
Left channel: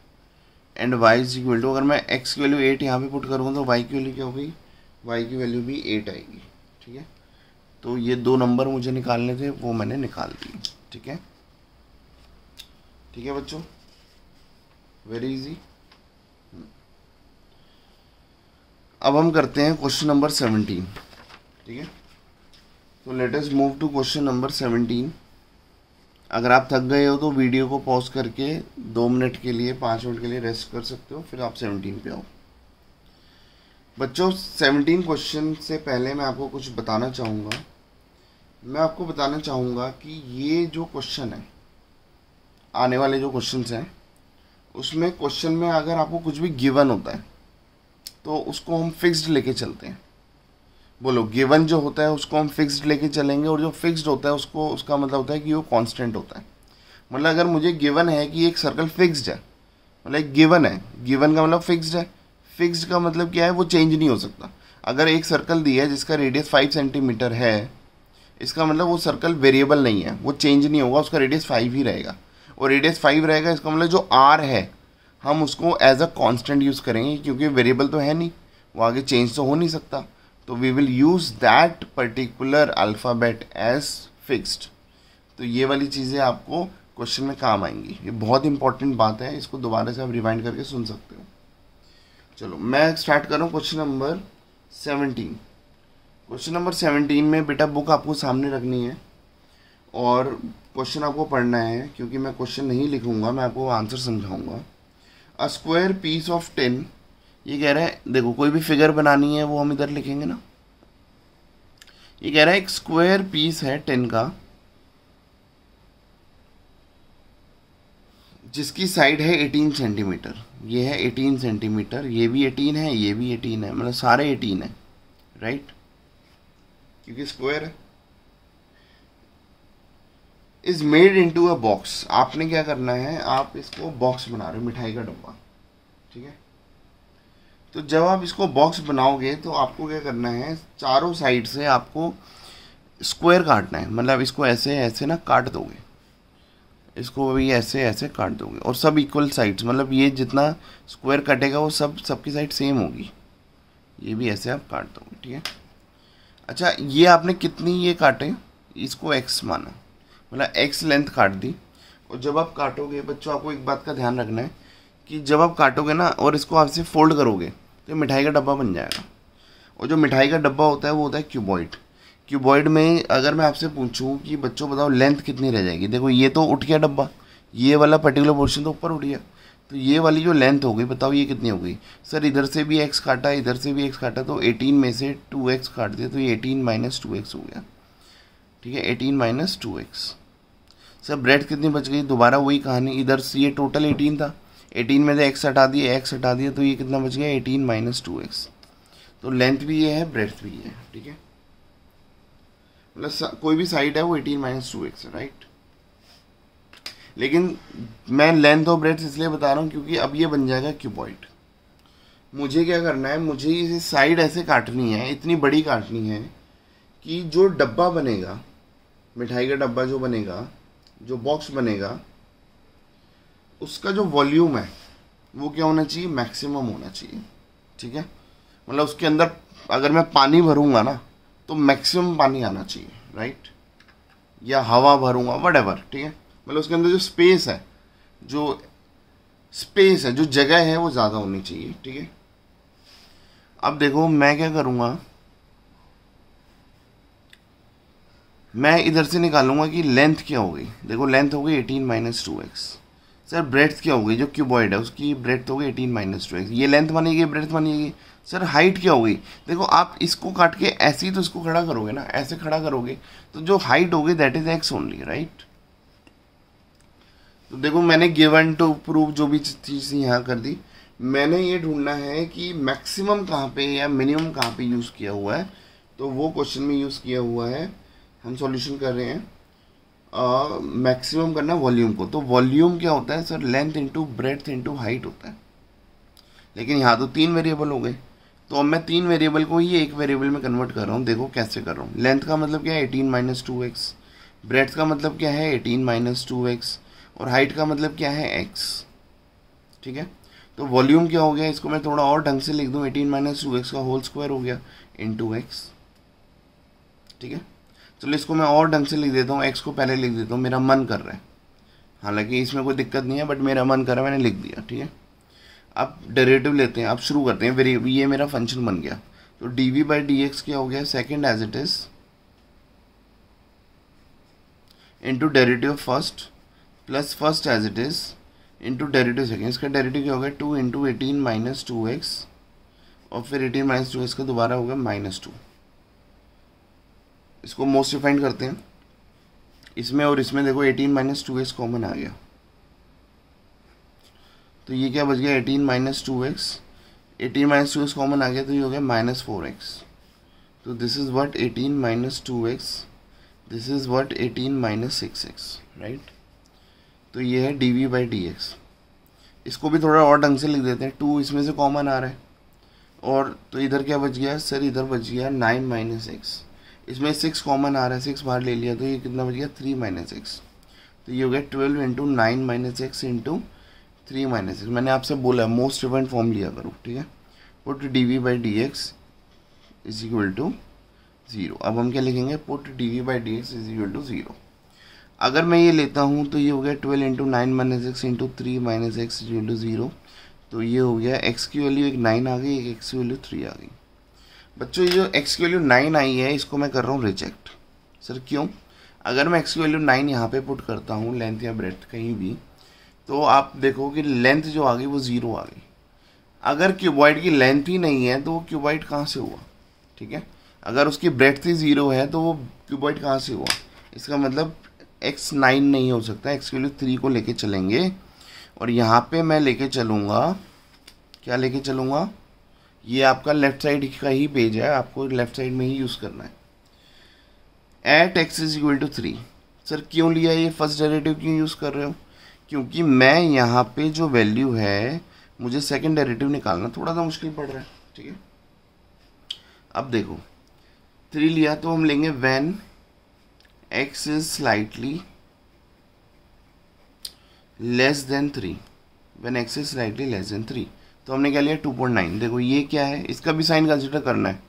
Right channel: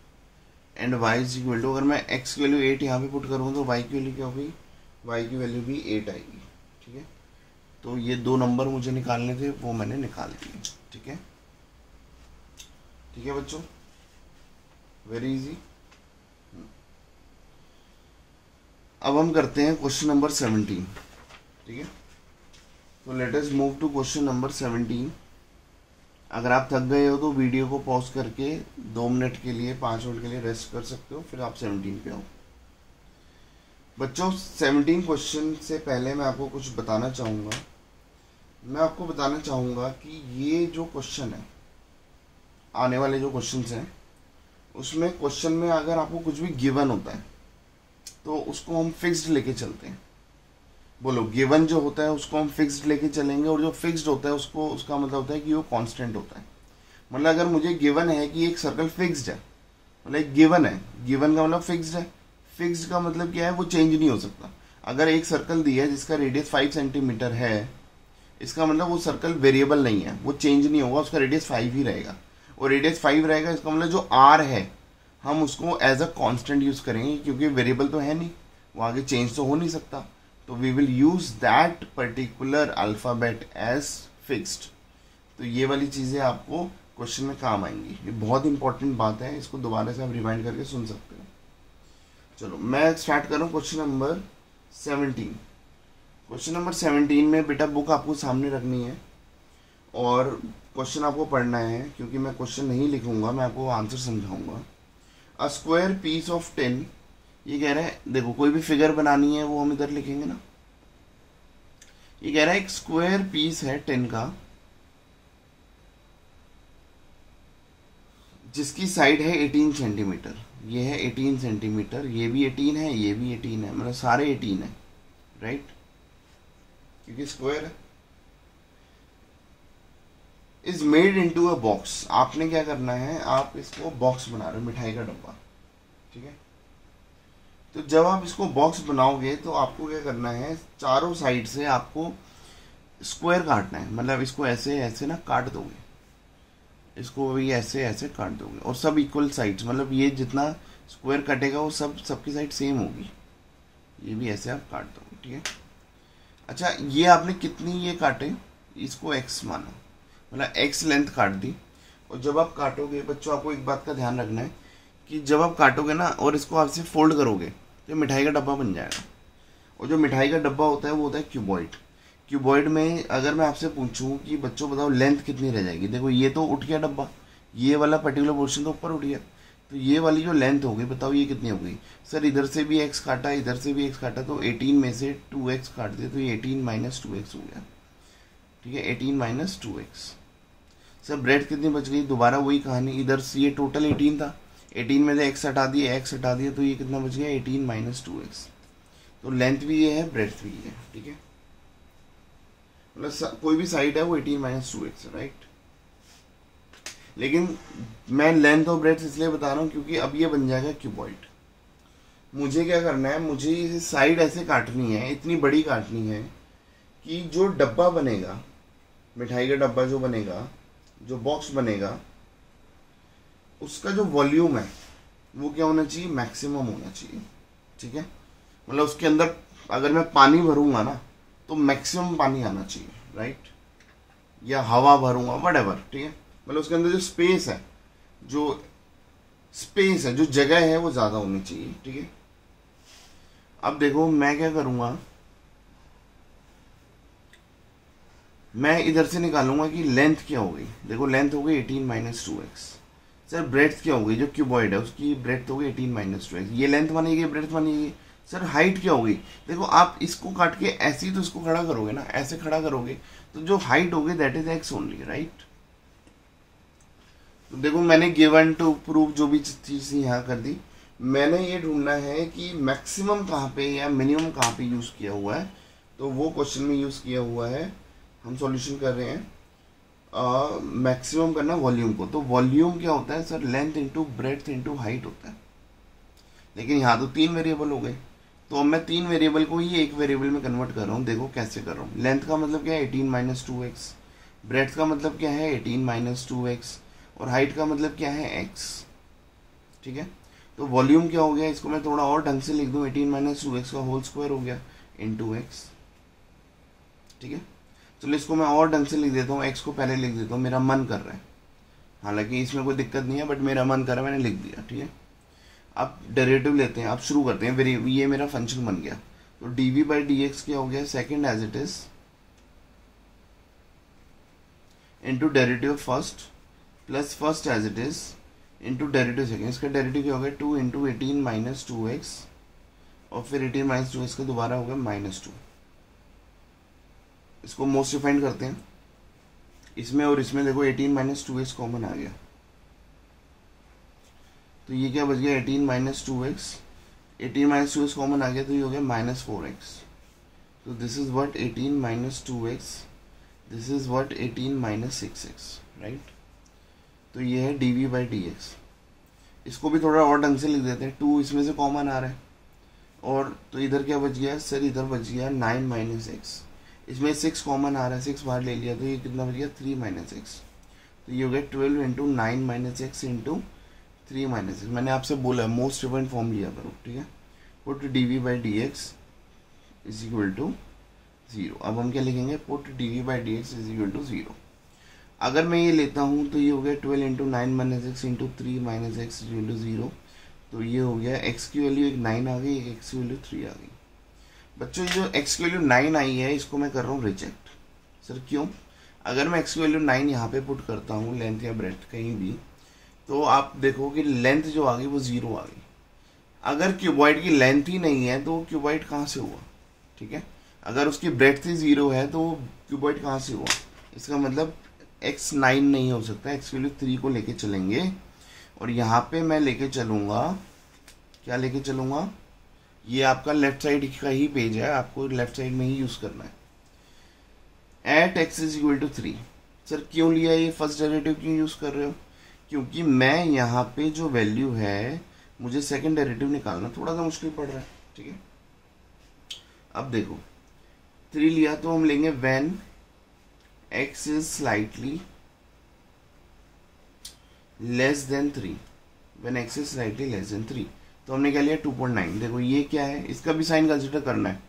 and y is equal to, अगर मैं एक्स की value 8 यहाँ पे पुट करूँ तो वाई की वैल्यू क्या होगी, वाई की वैल्यू भी 8 आएगी। ठीक है, तो ये दो नंबर मुझे निकालने थे, वो मैंने निकाल दिए। ठीक है, ठीक है बच्चों, वेरी इजी। अब हम करते हैं क्वेश्चन नंबर 17। ठीक है, तो let us move to question number 17। अगर आप थक गए हो तो वीडियो को पॉज करके 2 मिनट के लिए, 5 मिनट के लिए रेस्ट कर सकते हो, फिर आप 17 पे आओ। बच्चों 17 क्वेश्चन से पहले मैं आपको कुछ बताना चाहूँगा। मैं आपको बताना चाहूँगा कि ये जो क्वेश्चन है, आने वाले जो क्वेश्चंस हैं, उसमें क्वेश्चन में अगर आपको कुछ भी गिवन होता है तो उसको हम फिक्स्ड लेके चलते हैं। बोलो, गिवन जो होता है उसको हम फिक्स्ड लेके चलेंगे, और जो फिक्स्ड होता है उसको, उसका मतलब होता है कि वो कांस्टेंट होता है। मतलब अगर मुझे गिवन है कि एक सर्कल फिक्स्ड है, मतलब एक गिवन है, गिवन का मतलब फिक्स्ड है। फिक्स्ड का मतलब क्या है, वो चेंज नहीं हो सकता। अगर एक सर्कल दिया है जिसका रेडियस 5 सेंटीमीटर है, इसका मतलब वो सर्कल वेरिएबल नहीं है, वो चेंज नहीं होगा, उसका रेडियस 5 ही रहेगा। और रेडियस 5 रहेगा, इसका मतलब जो आर है हम उसको एज अ कांस्टेंट यूज़ करेंगे, क्योंकि वेरिएबल तो है नहीं, वो आगे चेंज तो हो नहीं सकता। तो we will use that particular alphabet as fixed. तो ये वाली चीज़ें आपको क्वेश्चन में काम आएंगी। ये बहुत इंपॉर्टेंट बात है, इसको दोबारा से आप रिवाइंड करके सुन सकते हो। चलो मैं स्टार्ट कर रहा हूँ क्वेश्चन नंबर 17। क्वेश्चन नंबर 17 में बेटा बुक आपको सामने रखनी है और क्वेश्चन आपको पढ़ना है, क्योंकि मैं क्वेश्चन नहीं लिखूंगा, मैं आपको आंसर समझाऊंगा। अ स्क्वायर पीस ऑफ 10, ये कह रहा है, देखो कोई भी फिगर बनानी है वो हम इधर लिखेंगे ना। ये कह रहा है एक स्क्वायर पीस है 10 का, जिसकी साइड है 18 सेंटीमीटर। ये है 18 सेंटीमीटर, ये भी 18 है, ये भी 18 है, मतलब सारे 18 है, राइट, क्योंकि स्क्वायर है। Is made into a box, आपने क्या करना है, आप इसको बॉक्स बना रहे हो, मिठाई का डब्बा। ठीक है, तो जब आप इसको बॉक्स बनाओगे तो आपको क्या करना है, चारों साइड से आपको स्क्वायर काटना है। मतलब इसको ऐसे ऐसे ना काट दोगे, इसको भी ऐसे ऐसे काट दोगे, और सब इक्वल साइड्स, मतलब ये जितना स्क्वायर कटेगा वो सबकी साइड सेम होगी। ये भी ऐसे आप काट दोगे। ठीक है, अच्छा ये आपने कितनी ये काटे, इसको एक्स माना, मतलब एक्स लेंथ काट दी। और जब आप काटोगे बच्चों, आपको एक बात का ध्यान रखना है कि जब आप काटोगे ना और इसको आपसे फोल्ड करोगे तो मिठाई का डब्बा बन जाएगा। और जो मिठाई का डब्बा होता है वो होता है क्यूबॉइड। क्यूबॉइड में अगर मैं आपसे पूछूं कि बच्चों बताओ लेंथ कितनी रह जाएगी, देखो ये तो उठ गया डब्बा, ये वाला पर्टिकुलर पोर्शन तो ऊपर उठ गया, तो ये वाली जो लेंथ हो गई, बताओ ये कितनी हो गई। सर इधर से भी एक्स काटा, इधर से भी एक्स काटा, तो 18 में से 2x काट दिया, तो ये 18 माइनस 2x हो गया। ठीक है, 18 माइनस 2x। सर ब्रेड कितनी बच गई, दोबारा वही कहानी, इधर से ये टोटल 18 था, 18 में से x हटा दिया, x हटा दिया, तो ये कितना बच गया, 18 माइनस 2x। तो लेंथ भी ये है, ब्रेड्थ भी ये है। ठीक है, मतलब कोई भी साइड है वो 18 माइनस 2x है, राइट। लेकिन मैं लेंथ और ब्रेड्थ इसलिए बता रहा हूँ क्योंकि अब ये बन जाएगा क्यूबॉइड। मुझे क्या करना है, मुझे इसे साइड ऐसे काटनी है, इतनी बड़ी काटनी है कि जो डब्बा बनेगा, मिठाई का डब्बा जो बनेगा, जो बॉक्स बनेगा, उसका जो वॉल्यूम है वो क्या होना चाहिए, मैक्सिमम होना चाहिए। ठीक है, मतलब उसके अंदर अगर मैं पानी भरूंगा ना तो मैक्सिमम पानी आना चाहिए, राइट, या हवा भरूंगा, व्हाटएवर। ठीक है, मतलब उसके अंदर जो स्पेस है, जो जगह है वो ज़्यादा होनी चाहिए। ठीक है, अब देखो मैं क्या करूंगा, मैं इधर से निकालूंगा कि लेंथ क्या होगी। देखो लेंथ हो गई 18 माइनस 2x। सर ब्रेड्थ क्या होगी, जो क्यूबॉइड है उसकी ब्रेड्थ हो गई 18 माइनस 2x। ये लेंथ बनेगी, ब्रेड्थ बनेगी। सर हाइट क्या होगी, देखो आप इसको काट के ऐसे ही तो इसको खड़ा करोगे ना, ऐसे खड़ा करोगे तो जो हाइट होगी that is x only, right. तो देखो मैंने गिवन टू प्रूव जो भी चीज़ यहाँ कर दी, मैंने ये ढूंढना है कि मैक्सिमम कहाँ पे या मिनिमम कहाँ पे यूज़ किया हुआ है, तो वो क्वेश्चन में यूज़ किया हुआ है। हम सॉल्यूशन कर रहे हैं, मैक्सिमम करना वॉल्यूम को। तो वॉल्यूम क्या होता है sir, length into breadth into height होता है। लेकिन यहाँ तो 3 वेरिएबल हो गए, तो अब मैं 3 वेरिएबल को ही एक वेरिएबल में कन्वर्ट कर रहा हूँ। देखो कैसे कर रहा हूँ। लेंथ का मतलब क्या है 18 माइनस 2x, ब्रेड्थ का मतलब क्या है 18 माइनस 2x, और हाइट का मतलब क्या है x। ठीक है, तो वॉल्यूम क्या हो गया, इसको मैं थोड़ा और ढंग से लिख दूँ, 18 माइनस 2x का होल स्क्वायर हो गया इंटू x। ठीक है, चलो इसको मैं और ढंग से लिख देता हूँ, x को पहले लिख देता हूँ, मेरा मन कर रहा है, हालांकि इसमें कोई दिक्कत नहीं है, बट मेरा मन कर रहा है, मैंने लिख दिया। ठीक है, अब डेरिवेटिव लेते हैं, अब शुरू करते हैं। ये मेरा फंक्शन बन गया, तो डी बाई डी एक्स क्या हो गया, second as it is into derivative first plus first as it is into derivative second. इसका डेरिवेटिव क्या हो गया 2 इंटू 18 माइनस 2x, और फिर 18 माइनस 2x का दोबारा हो गया -2। इसको मोस्ट डिफाइंड करते हैं, इसमें और इसमें देखो 18 माइनस 2x कॉमन आ गया, तो ये क्या बच गया 18 minus 2x, 18 minus 2x common आ गया, तो ये हो गया -4x। तो this is what 18 minus 2x, this is what 18 minus 6x, right. तो ये है डी बाई डी एक्स। इसको भी थोड़ा और ढंग से लिख देते हैं, 2 इसमें से कॉमन आ रहा है, और तो इधर क्या बच गया सर, इधर बच गया 9 माइनस एक्स, इसमें 6 कॉमन आ रहा है, 6 बाहर ले लिया, तो ये कितना बच गया 3 माइनस एक्स। तो ये हो गया 12 into 9 minus x into 3 minus x. मैंने आपसे बोला मोस्ट डिफरेंट फॉर्म लिया करो। ठीक है, put d by d x is equal to 0। अब हम क्या लिखेंगे, put d by d x is equal to 0। अगर मैं ये लेता हूँ तो ये हो गया 12 into 9 minus x into 3 minus x into 0। तो ये हो गया x की वैल्यू एक 9 आ गई, एक x की वैल्यू 3 आ गई। बच्चों ये जो x की वैल्यू 9 आई है, इसको मैं कर रहा हूँ रिजेक्ट। सर क्यों? अगर मैं x की वैल्यू 9 यहाँ पे पुट करता हूँ, लेंथ या ब्रेड्थ कहीं भी, तो आप देखो कि लेंथ जो आ गई वो 0 आ गई। अगर क्यूबॉइड की लेंथ ही नहीं है तो वो क्यूबॉइड कहाँ से हुआ? ठीक है, अगर उसकी ब्रेड्थ ही 0 है तो वो क्यूबॉइड कहाँ से हुआ? इसका मतलब x 9 नहीं हो सकता, x की वैल्यू 3 को लेके चलेंगे, और यहाँ पे मैं लेके चलूँगा, क्या लेके चलूँगा, ये आपका लेफ्ट साइड का ही पेज है, आपको लेफ्ट साइड में ही यूज़ करना है। At x is equal to 3। Sir क्यों लिया ये फर्स्ट डेरिवेटिव, क्यों यूज़ कर रहे हो? क्योंकि मैं यहाँ पे जो वैल्यू है मुझे सेकंड डेरिवेटिव निकालना थोड़ा सा मुश्किल पड़ रहा है। ठीक है, अब देखो 3 लिया तो हम लेंगे when x is slightly less then 3, when x is slightly less then 3। तो हमने क्या लिया 2.9। देखो ये क्या है, इसका भी साइन कंसिडर करना है,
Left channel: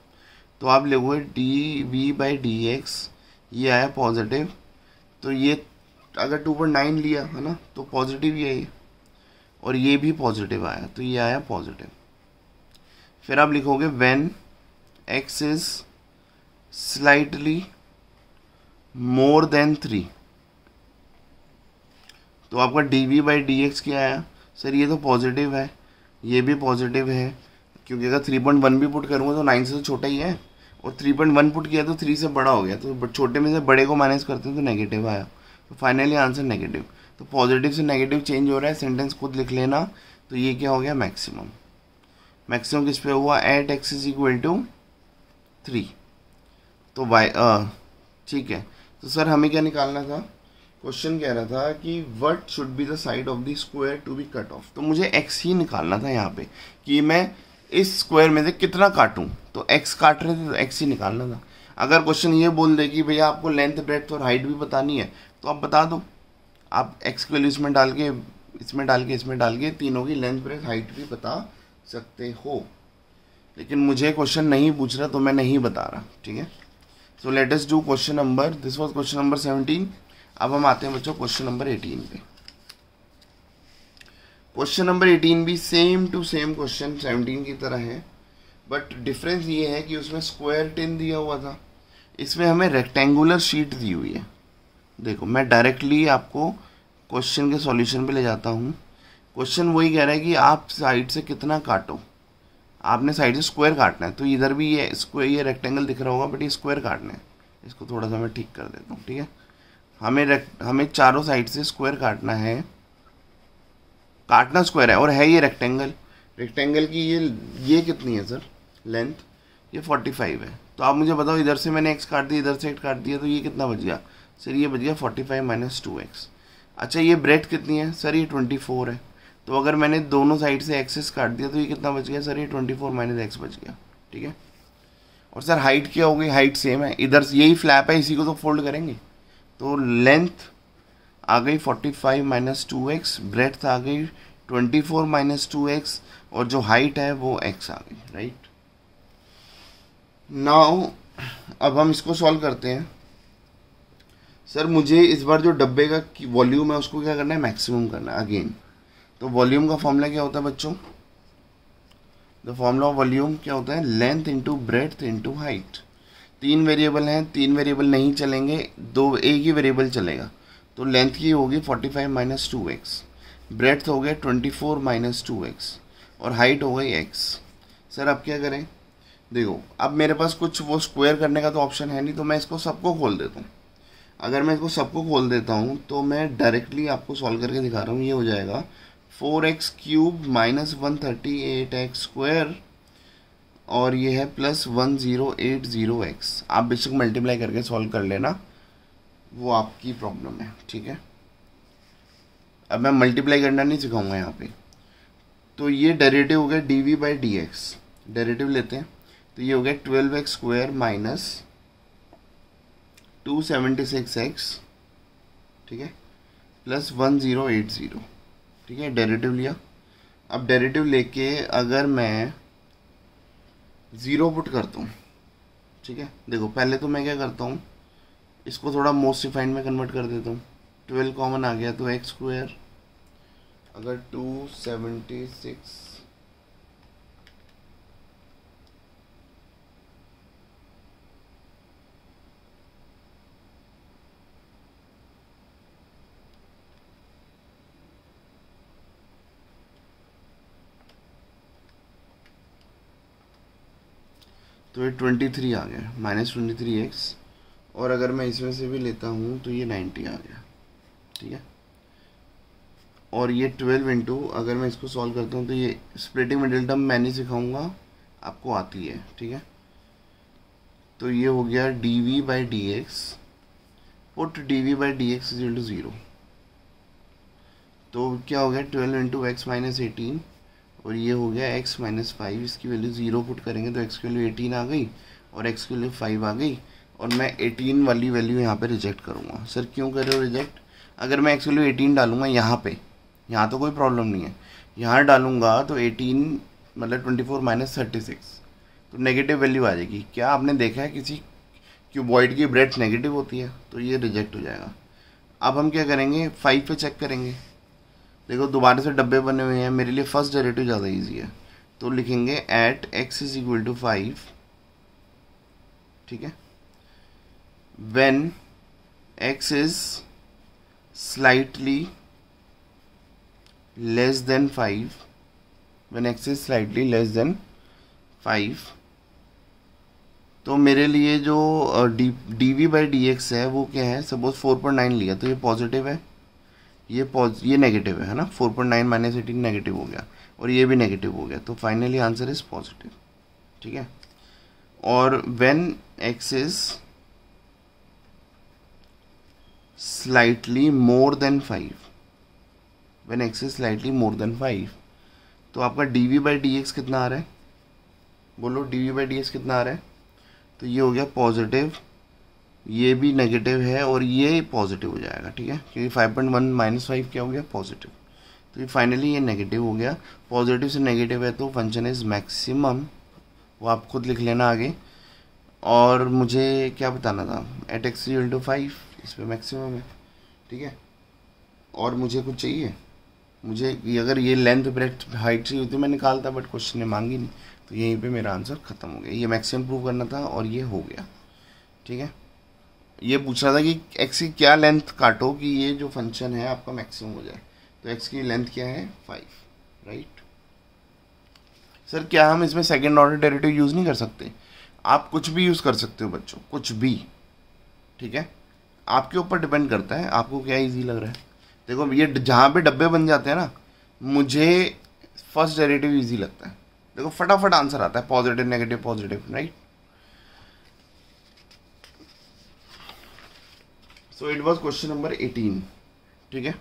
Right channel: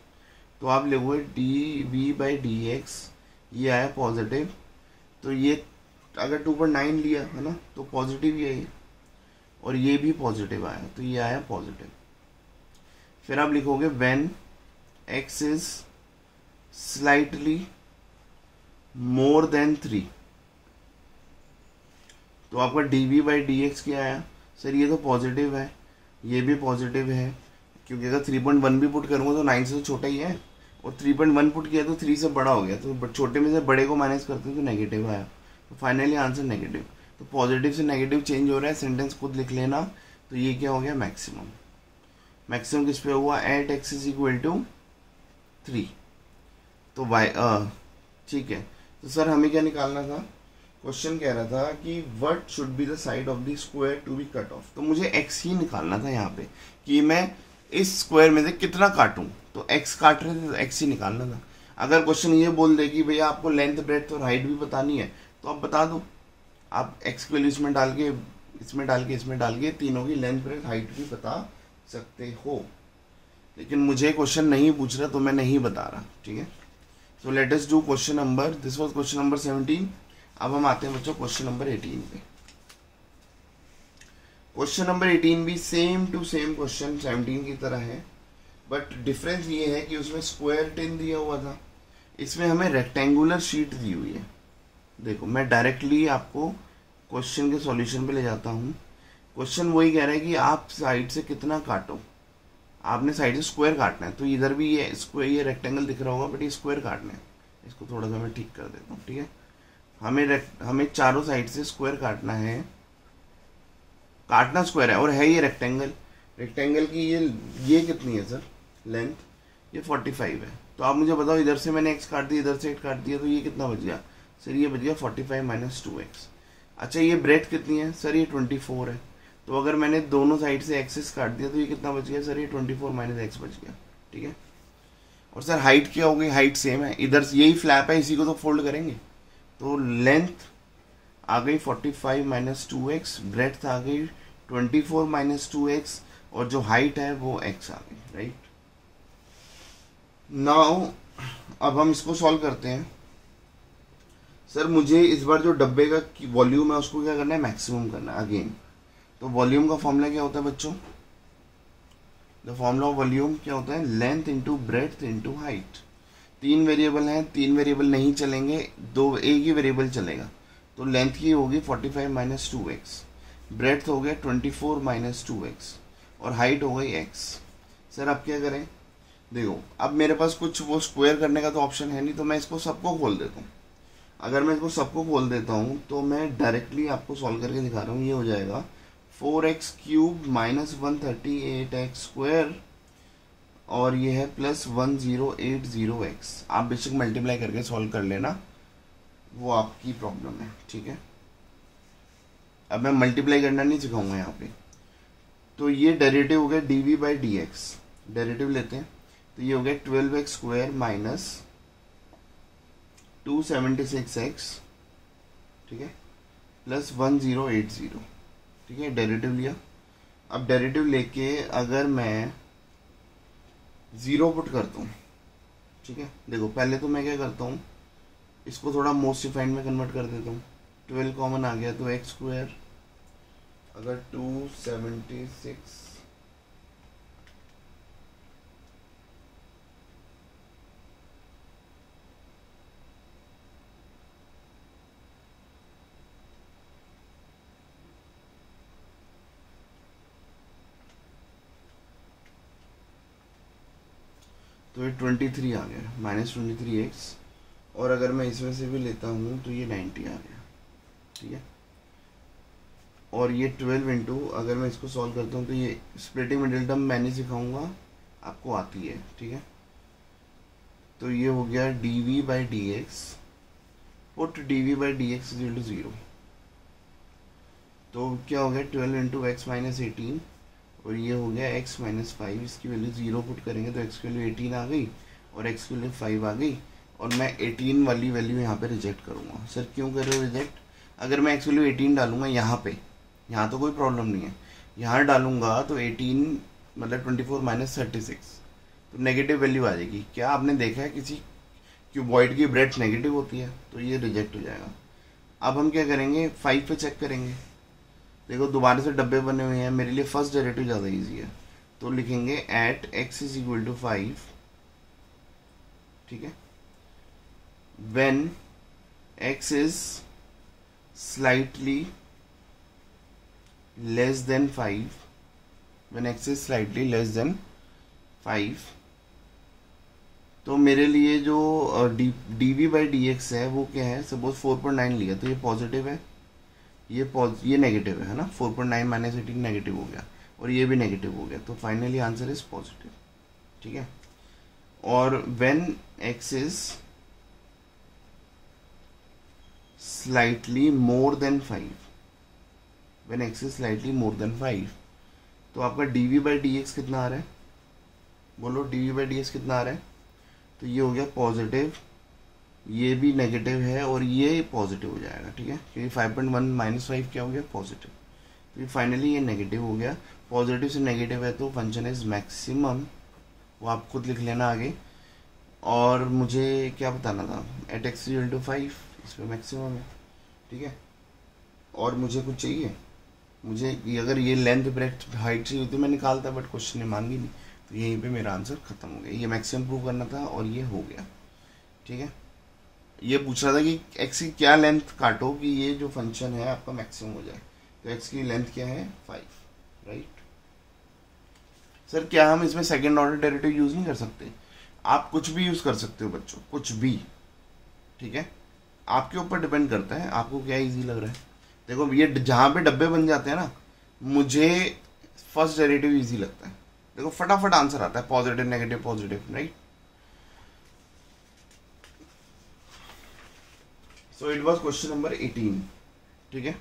तो आप लोगोगे d v by d x, ये आया पॉजिटिव, तो ये अगर 2.9 लिया है ना तो पॉजिटिव ही है ये, और ये भी पॉजिटिव आया, तो ये आया पॉजिटिव। फिर आप लिखोगे when x is slightly more than 3, तो आपका d v by d x क्या आया? सर ये तो पॉजिटिव है, ये भी पॉजिटिव है, क्योंकि अगर 3.1 भी पुट करूँगा तो 9 से तो छोटा ही है, और 3.1 पुट किया तो 3 से बड़ा हो गया, तो छोटे में से बड़े को माइनस करते हैं तो नेगेटिव आया, तो फाइनली आंसर नेगेटिव। तो पॉजिटिव से नेगेटिव चेंज हो रहा है, सेंटेंस खुद लिख लेना। तो ये क्या हो गया, मैक्सिमम। मैक्सिमम किस पे हुआ, at x is equal to 3। तो वाई ठीक है, तो सर हमें क्या निकालना था, क्वेश्चन कह रहा था कि what should be the side of the square to be cut off. तो मुझे x ही निकालना था यहाँ पे, कि मैं इस स्क्वायर में से कितना काटूं, तो x काट रहे थे तो x ही निकालना था। अगर क्वेश्चन ये बोल दे कि भैया आपको लेंथ ब्रेड्थ और हाइट भी बतानी है, तो आप बता दो, आप x की वैल्यू इसमें डाल के इसमें डाल के इसमें डाल के तीनों की लेंथ ब्रेड्थ हाइट भी बता सकते हो। लेकिन मुझे क्वेश्चन नहीं पूछ रहा तो मैं नहीं बता रहा। ठीक है, so let us do question number, this was question number 17। अब हम आते हैं बच्चों क्वेश्चन नंबर 18 पे। क्वेश्चन नंबर 18 भी सेम टू सेम क्वेश्चन 17 की तरह है, बट डिफरेंस ये है कि उसमें स्क्वायर 10 दिया हुआ था, इसमें हमें रेक्टेंगुलर शीट दी हुई है। देखो मैं डायरेक्टली आपको क्वेश्चन के सॉल्यूशन पे ले जाता हूँ। क्वेश्चन वही कह रहा है कि आप साइड से कितना काटो, आपने साइड से स्क्वायर काटना है, तो इधर भी ये स्क्वायर, ये रेक्टेंगल दिख रहा होगा, बट ये स्क्वायर काटना है। इसको थोड़ा सा मैं ठीक कर देता हूँ। ठीक है, हमें चारों साइड से स्क्वायर काटना है, काटना स्क्वायर है, और है ये रेक्टेंगल। रेक्टेंगल की ये कितनी है सर लेंथ, ये 45 है। तो आप मुझे बताओ, इधर से मैंने x काट दिया, इधर से x काट दिया, तो ये कितना बच गया सर, ये बच गया 45 माइनस 2x। अच्छा ये ब्रेड्थ कितनी है सर, ये 24 है। तो अगर मैंने दोनों साइड से एक्सेस काट दिया तो ये कितना बच गया सर, ये 24 माइनस x बच गया। ठीक है। और सर हाइट क्या होगी, हाइट सेम है, इधर यही फ्लैप है, इसी को तो फोल्ड करेंगे। तो लेंथ आ गई 45 माइनस 2x, ब्रेड्थ आ गई 24 माइनस 2x, और जो हाइट है वो x आ गई, राइट। नाउ अब हम इसको सॉल्व करते हैं। सर मुझे इस बार जो डब्बे का वॉल्यूम है उसको क्या करना है, मैक्सिमम करना है अगेन। तो वॉल्यूम का फॉर्मूला क्या होता है बच्चों, द फॉर्मूला ऑफ वॉल्यूम क्या होता है, length into breadth into height. 3 variable हैं, 3 वेरिएबल नहीं चलेंगे, एक ही वेरिएबल चलेगा। तो लेंथ की होगी 45 माइनस 2x, ब्रेड्थ हो गया 24 माइनस 2x, और हाइट हो गई x। सर अब क्या करें, देखो अब मेरे पास कुछ वो स्क्वायर करने का तो ऑप्शन है नहीं, तो मैं इसको सबको खोल देता हूँ। अगर मैं इसको सबको खोल देता हूँ तो मैं डायरेक्टली आपको सॉल्व करके दिखा रहा हूँ। ये हो जाएगा 4x cube minus 138x square, और ये है प्लस 1080x। आप बेशक मल्टीप्लाई करके सॉल्व कर लेना, वो आपकी प्रॉब्लम है, ठीक है। अब मैं मल्टीप्लाई करना नहीं सिखाऊंगा यहाँ पे। तो ये डेरिवेटिव हो गया dv बाई dx, डेरिवेटिव लेते हैं तो ये हो गया 12x स्क्वायर माइनस 276x, ठीक है, प्लस 1080, ठीक है, डेरिवेटिव लिया। अब डेरिवेटिव लेके अगर मैं 0 पुट करता हूँ, ठीक है, देखो पहले तो मैं क्या करता हूँ, इसको थोड़ा मोस्ट डिफाइंड में कन्वर्ट कर देता हूँ। 12 कॉमन आ गया तो एक्स स्क्वायर, अगर 276 तो ये 23 आ गया, माइनस 23x, और अगर मैं इसमें से भी लेता हूँ तो ये 90 आ गया, ठीक है। और ये 12 इंटू, अगर मैं इसको सॉल्व करता हूँ तो ये स्प्लिटिंग मिडिल टर्म मैं नहीं सिखाऊंगा, आपको आती है, ठीक है। तो ये हो गया dv by d x, put dv by d x is to 0। तो क्या हो गया 12 इंटू एक्स माइनस 18, और ये हो गया x माइनस 5, इसकी वैल्यू 0 पुट करेंगे तो x की वैल्यू 18 आ गई और x की वैल्यू 5 आ गई, और मैं 18 वाली वैल्यू यहाँ पे रिजेक्ट करूँगा। सर क्यों कर रहे हो रिजेक्ट, अगर मैं x वैल्यू 18 डालूंगा यहाँ पे, यहाँ तो कोई प्रॉब्लम नहीं है, यहाँ डालूंगा तो 18 मतलब 24 माइनस 36, तो नेगेटिव वैल्यू आ जाएगी। क्या आपने देखा है किसी क्यूबॉइड की ब्रेड्थ नेगेटिव होती है, तो ये रिजेक्ट हो जाएगा। अब हम क्या करेंगे, 5 पे चेक करेंगे। देखो दोबारा से डब्बे बने हुए हैं, मेरे लिए फर्स्ट डेरिवेटिव ज़्यादा इजी है, तो लिखेंगे at x is equal to 5, ठीक है, when x is slightly less than 5, when x is slightly less than 5, तो मेरे लिए जो dv बाई डी एक्स है वो क्या है, सपोज 4.9 लिया तो ये पॉजिटिव है, ये नेगेटिव है ना, 4.9 माइनस 18 नेगेटिव हो गया, और ये भी नेगेटिव हो गया, तो फाइनली आंसर इज पॉजिटिव, ठीक है। और when x is slightly more then 5, when x is slightly more then 5, तो आपका dv बाई डी एक्स कितना आ रहा है, बोलो dv बाई डी एक्स कितना आ रहा है, तो ये हो गया पॉजिटिव, ये भी नेगेटिव है और ये पॉजिटिव हो जाएगा, ठीक है, क्योंकि 5.1 माइनस 5 क्या हो गया, पॉजिटिव। तो ये फाइनली ये नेगेटिव हो गया, पॉजिटिव से नेगेटिव है तो फंक्शन इज मैक्सिमम, वो आप खुद लिख लेना आगे। और मुझे क्या बताना था, एट एक्स इक्वल टू 5, इस पर मैक्सिमम है, ठीक है। और मुझे कुछ चाहिए, मुझे अगर ये लेंथ ब्रेड्थ हाइट चाहिए होती मैं निकालता, बट क्वेश्चन ने मांगी नहीं, तो यहीं पे मेरा आंसर खत्म हो गया। ये मैक्सिमम प्रूव करना था और ये हो गया, ठीक है। ये पूछ रहा था कि x की क्या लेंथ काटो कि ये जो फंक्शन है आपका मैक्सिमम हो जाए, तो x की लेंथ क्या है 5, राइट। सर क्या हम इसमें सेकंड ऑर्डर डेरिवेटिव यूज़ नहीं कर सकते, आप कुछ भी यूज़ कर सकते हो बच्चों, कुछ भी, ठीक है, आपके ऊपर डिपेंड करता है आपको क्या इजी लग रहा है। देखो ये जहाँ पे डब्बे बन जाते हैं ना, मुझे फर्स्ट डेरिवेटिव इजी लगता है, देखो फटाफट आंसर आता है, positive negative positive, right. So it was question number 18, ठीक है।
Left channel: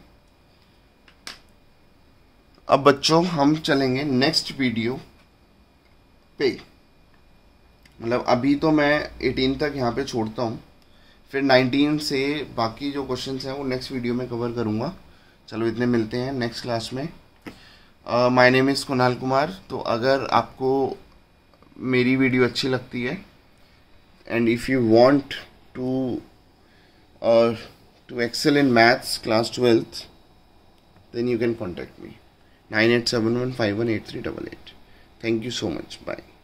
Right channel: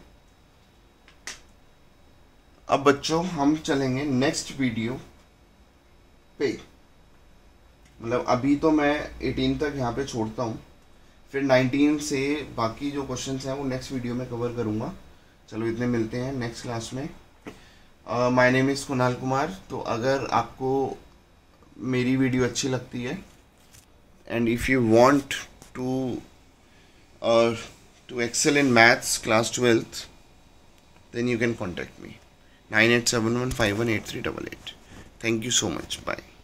अब बच्चों हम चलेंगे नेक्स्ट वीडियो पे, मतलब अभी तो मैं 18 तक यहाँ पे छोड़ता हूँ, फिर 19 से बाकी जो क्वेश्चंस हैं वो नेक्स्ट वीडियो में कवर करूँगा। चलो इतने, मिलते हैं नेक्स्ट क्लास में। My name is Kunal Kumar. तो अगर आपको मेरी वीडियो अच्छी लगती है and if you want to excel in maths class 12th, then you can contact me 9871518388. Thank you so much. Bye.